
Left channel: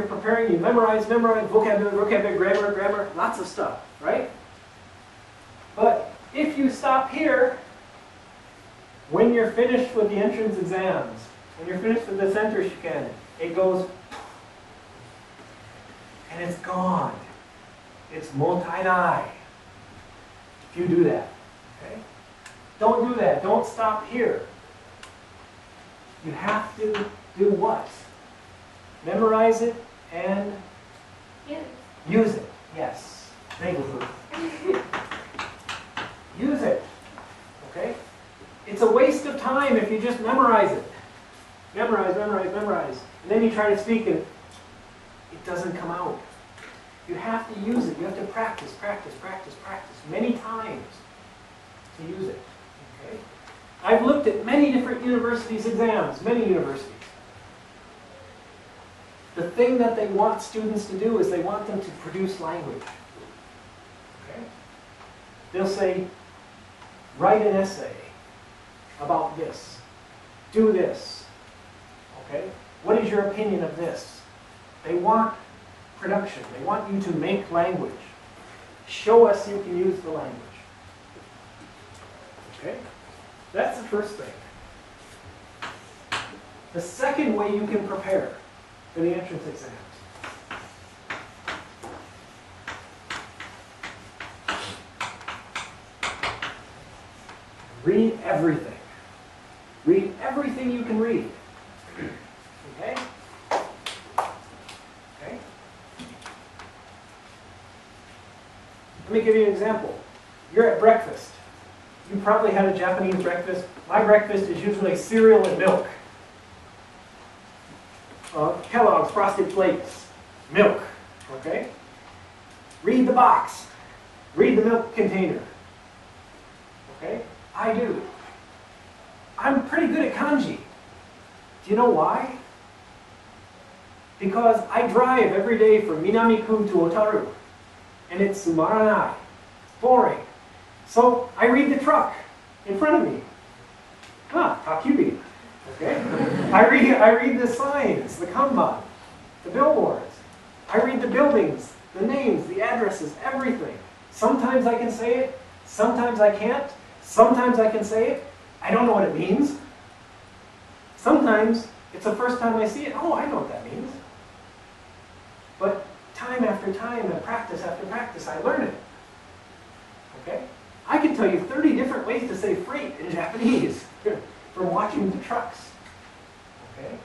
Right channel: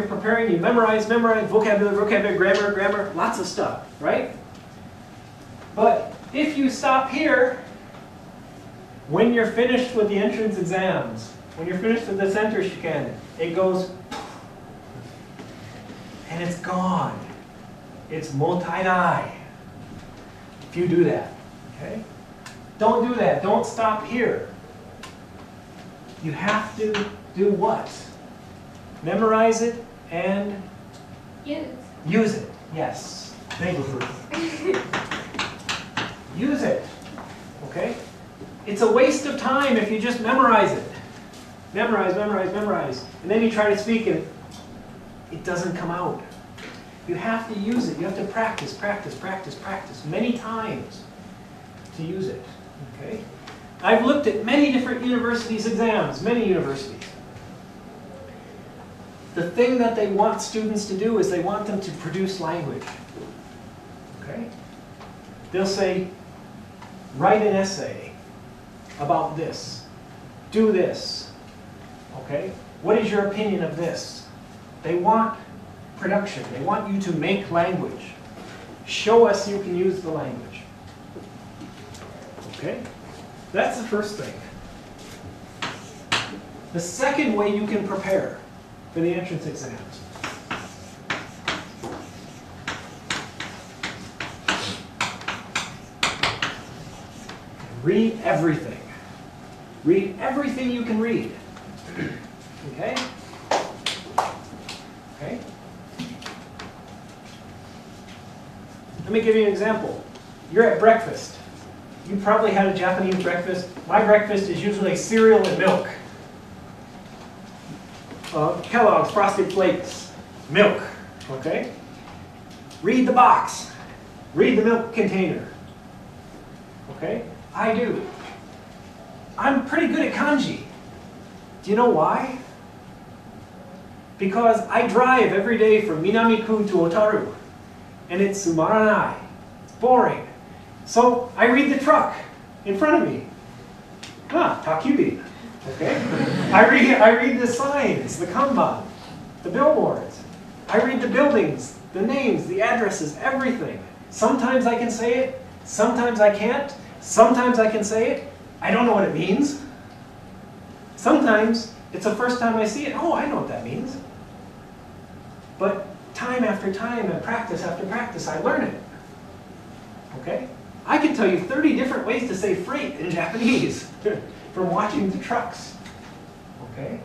you memorize, vocabulary, grammar, lots of stuff, right? But if you stop here, when you're finished with the entrance exams, when you're finished with the center chicane, it goes, and it's gone. It's motainai. If you do that, okay? Don't do that. Don't stop here. You have to do what? Memorize it and use it. Yes. Thank you. Use it. Okay? It's a waste of time if you just memorize it. Memorize. And then you try to speak and it doesn't come out. You have to use it. You have to practice many times to use it. Okay? I've looked at many different universities' exams, many universities. The thing that they want students to do is they want them to produce language. Okay? They'll say, write an essay about this. Do this. Okay? What is your opinion of this? They want production. They want you to make language. Show us you can use the language. Okay? That's the first thing. The second way you can prepare for the entrance exams. Read everything. Read everything you can read. Okay? Okay? Let me give you an example. You're at breakfast. You probably had a Japanese breakfast. My breakfast is usually cereal and milk. Kellogg's Frosted Flakes, milk. Okay? Read the box. Read the milk container. Okay? I do. I'm pretty good at kanji. Do you know why? Because I drive every day from Minami-ku to Otaru. And it's sumaranai. It's boring. So I read the truck in front of me. Takyubi. Okay? I read the signs, the kanban, the billboards. I read the buildings, the names, the addresses, everything. Sometimes I can say it, sometimes I can't. Sometimes I can say it, I don't know what it means. Sometimes it's the first time I see it, oh, I know what that means. But time after time and practice after practice, I learn it. Okay? I can tell you 30 different ways to say freight in Japanese from watching the trucks. Okay?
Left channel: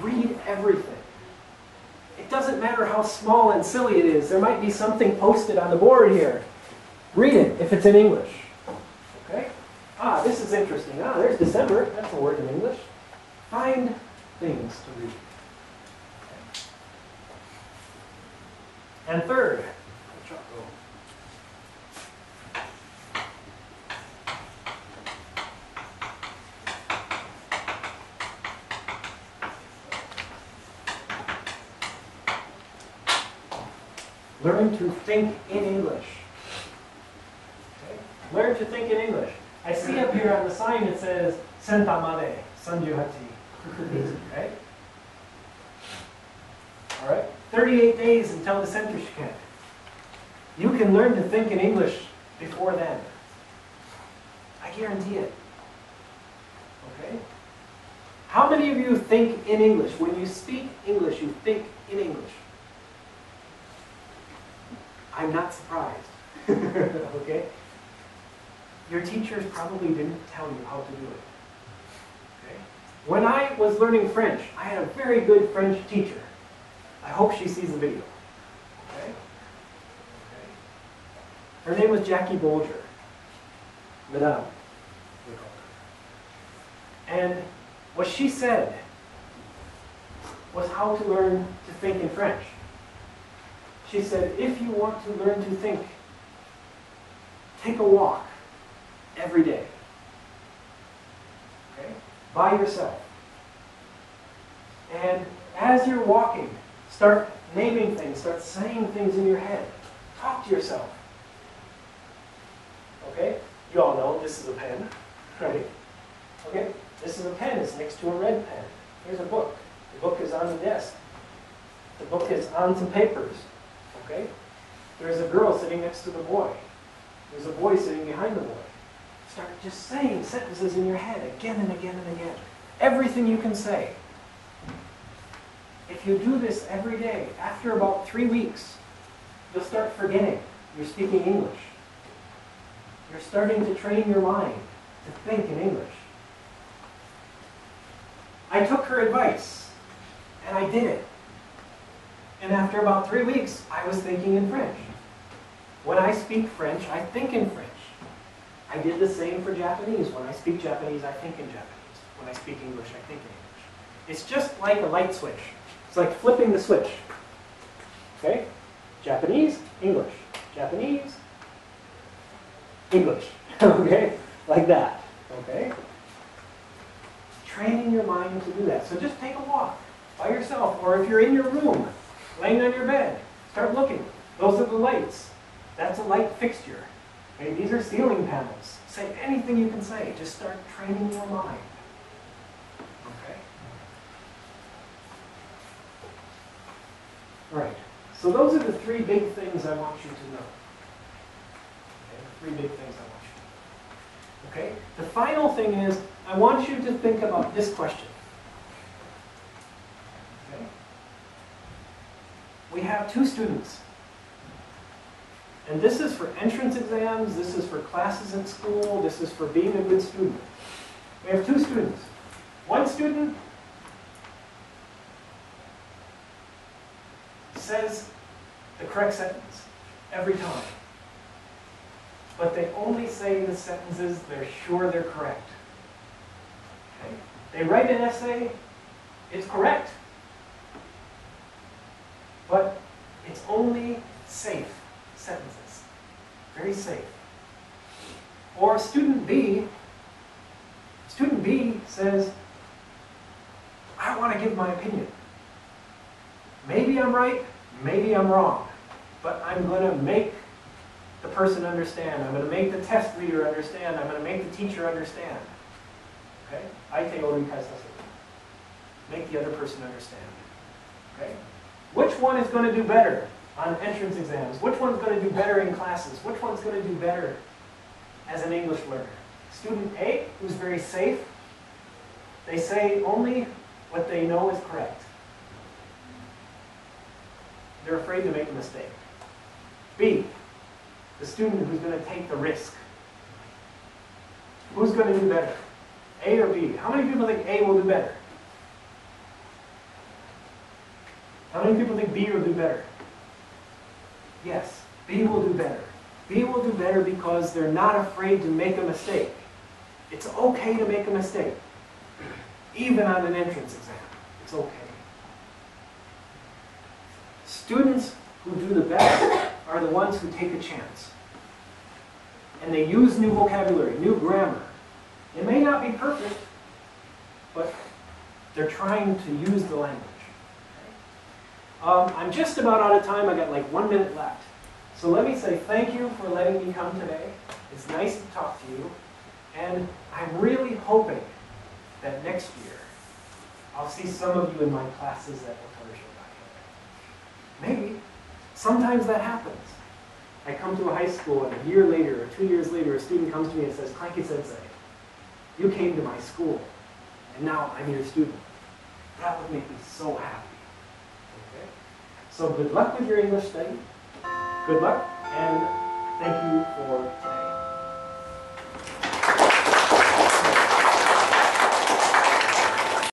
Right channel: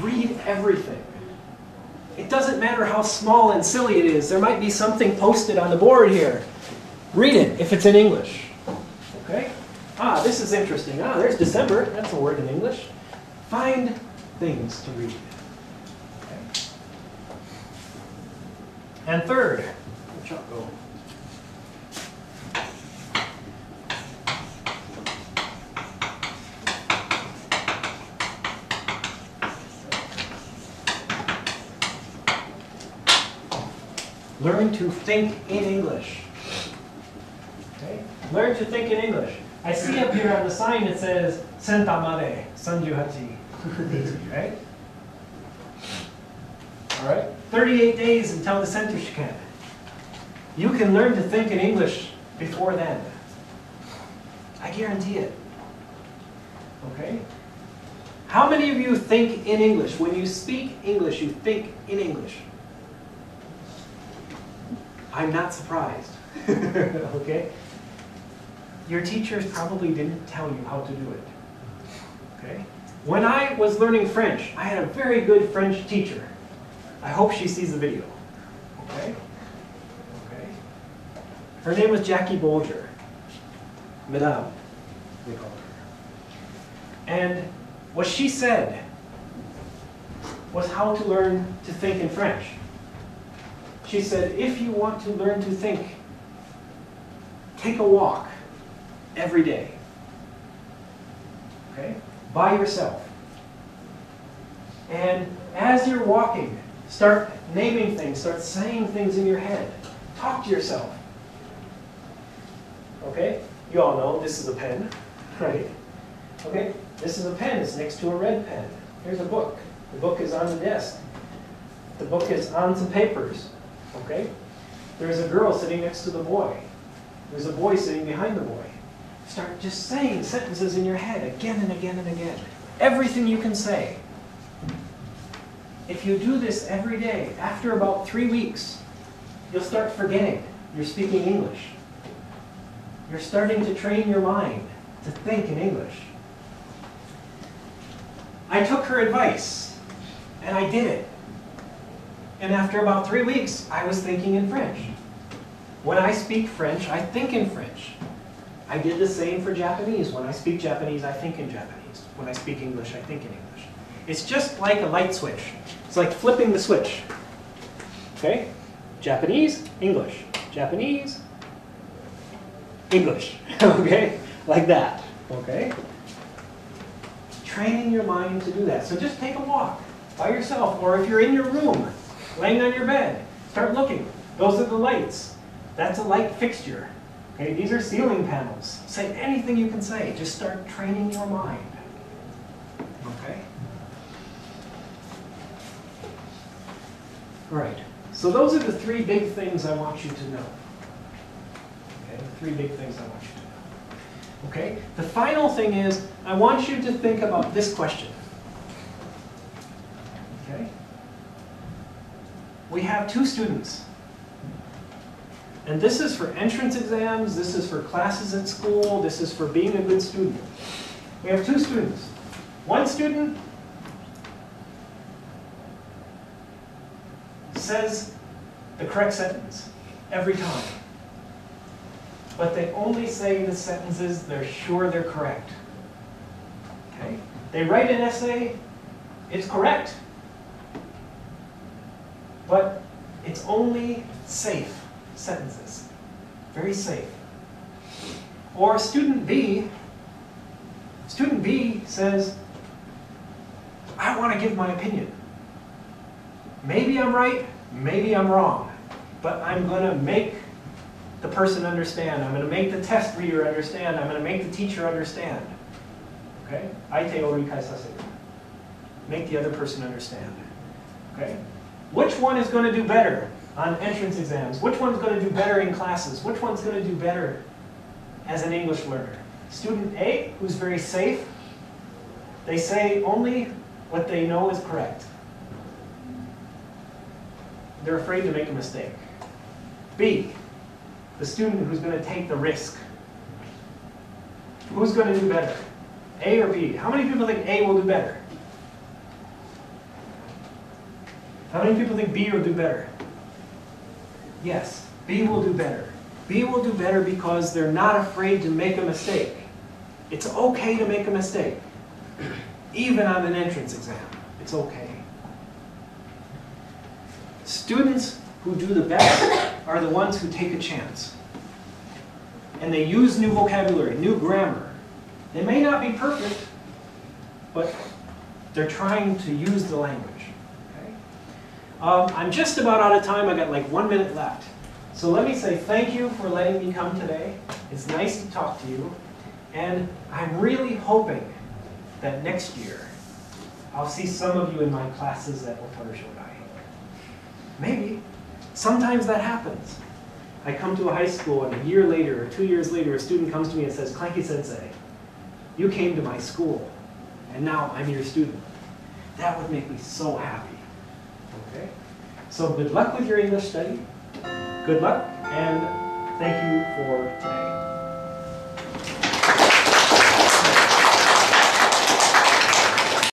Read everything. It doesn't matter how small and silly it is. There might be something posted on the board here. Read it if it's in English. Okay? Ah, this is interesting. Ah, there's December. That's a word in English. Find things to read. Okay. And third, where'd Chuck go? Learn to think in English. Okay? Learn to think in English. I see up here on the sign it says Senta made, sanjuhachi. Right? All right? 38 days until the center shikan. You can learn to think in English before then. I guarantee it. Okay? How many of you think in English? When you speak English, you think in English. I'm not surprised. Okay? Your teachers probably didn't tell you how to do it. Okay? When I was learning French, I had a very good French teacher. I hope she sees the video. Okay? Okay? Her name was Jackie Bolger. Madame, we called her. And what she said was how to learn to think in French. She said, if you want to learn to think, take a walk every day. Okay? By yourself. And as you're walking, start naming things, start saying things in your head. Talk to yourself. Okay? You all know this is a pen, right? Okay? This is a pen. It's next to a red pen. Here's a book. The book is on the desk. The book is on some papers. Okay? There's a girl sitting next to the boy. There's a boy sitting behind the boy. Start just saying sentences in your head again and again and again. Everything you can say. If you do this every day, after about 3 weeks, you'll start forgetting you're speaking English. You're starting to train your mind to think in English. I took her advice, and I did it. And after about 3 weeks, I was thinking in French. When I speak French, I think in French. I did the same for Japanese. When I speak Japanese, I think in Japanese. When I speak English, I think in English. It's just like a light switch. It's like flipping the switch. Okay? Japanese, English. Japanese, English. Okay? Like that. Okay? Training your mind to do that. So just take a walk by yourself, or if you're in your room, laying on your bed, start looking. Those are the lights. That's a light fixture. Okay, these are ceiling panels. Say anything you can say. Just start training your mind. Okay? All right. So those are the 3 big things I want you to know. Okay, the 3 big things I want you to know. Okay? The final thing is, I want you to think about this question. Okay? We have 2 students. And this is for entrance exams, this is for classes at school, this is for being a good student. We have 2 students. One student says the correct sentence every time. But they only say the sentences they're sure they're correct. Okay? They write an essay, it's correct. But it's only safe sentences. Very safe. Or student B says, I want to give my opinion. Maybe I'm right, maybe I'm wrong, but I'm going to make the person understand. I'm going to make the test reader understand. I'm going to make the teacher understand. Okay? Aite o rikai saseru. Make the other person understand. Okay? Which one is going to do better on entrance exams? Which one's going to do better in classes? Which one's going to do better as an English learner? Student A, who's very safe, they say only what they know is correct. They're afraid to make a mistake. B, the student who's going to take the risk. Who's going to do better? A or B? How many people think A will do better? How many people think B will do better? Yes, B will do better. B will do better because they're not afraid to make a mistake. It's okay to make a mistake. Even on an entrance exam, it's okay. Students who do the best are the ones who take a chance. And they use new vocabulary, new grammar. They may not be perfect, but they're trying to use the language. Okay? I'm just about out of time. I got like 1 minute left. So let me say thank you for letting me come today. It's nice to talk to you. And I'm really hoping that next year I'll see some of you in my classes at Otaru Shodai. Maybe. Sometimes that happens. I come to a high school and a year later or 2 years later a student comes to me and says, Clankie Sensei, you came to my school and now I'm your student. That would make me so happy. Okay? So good luck with your English study. Good luck and thank you for today.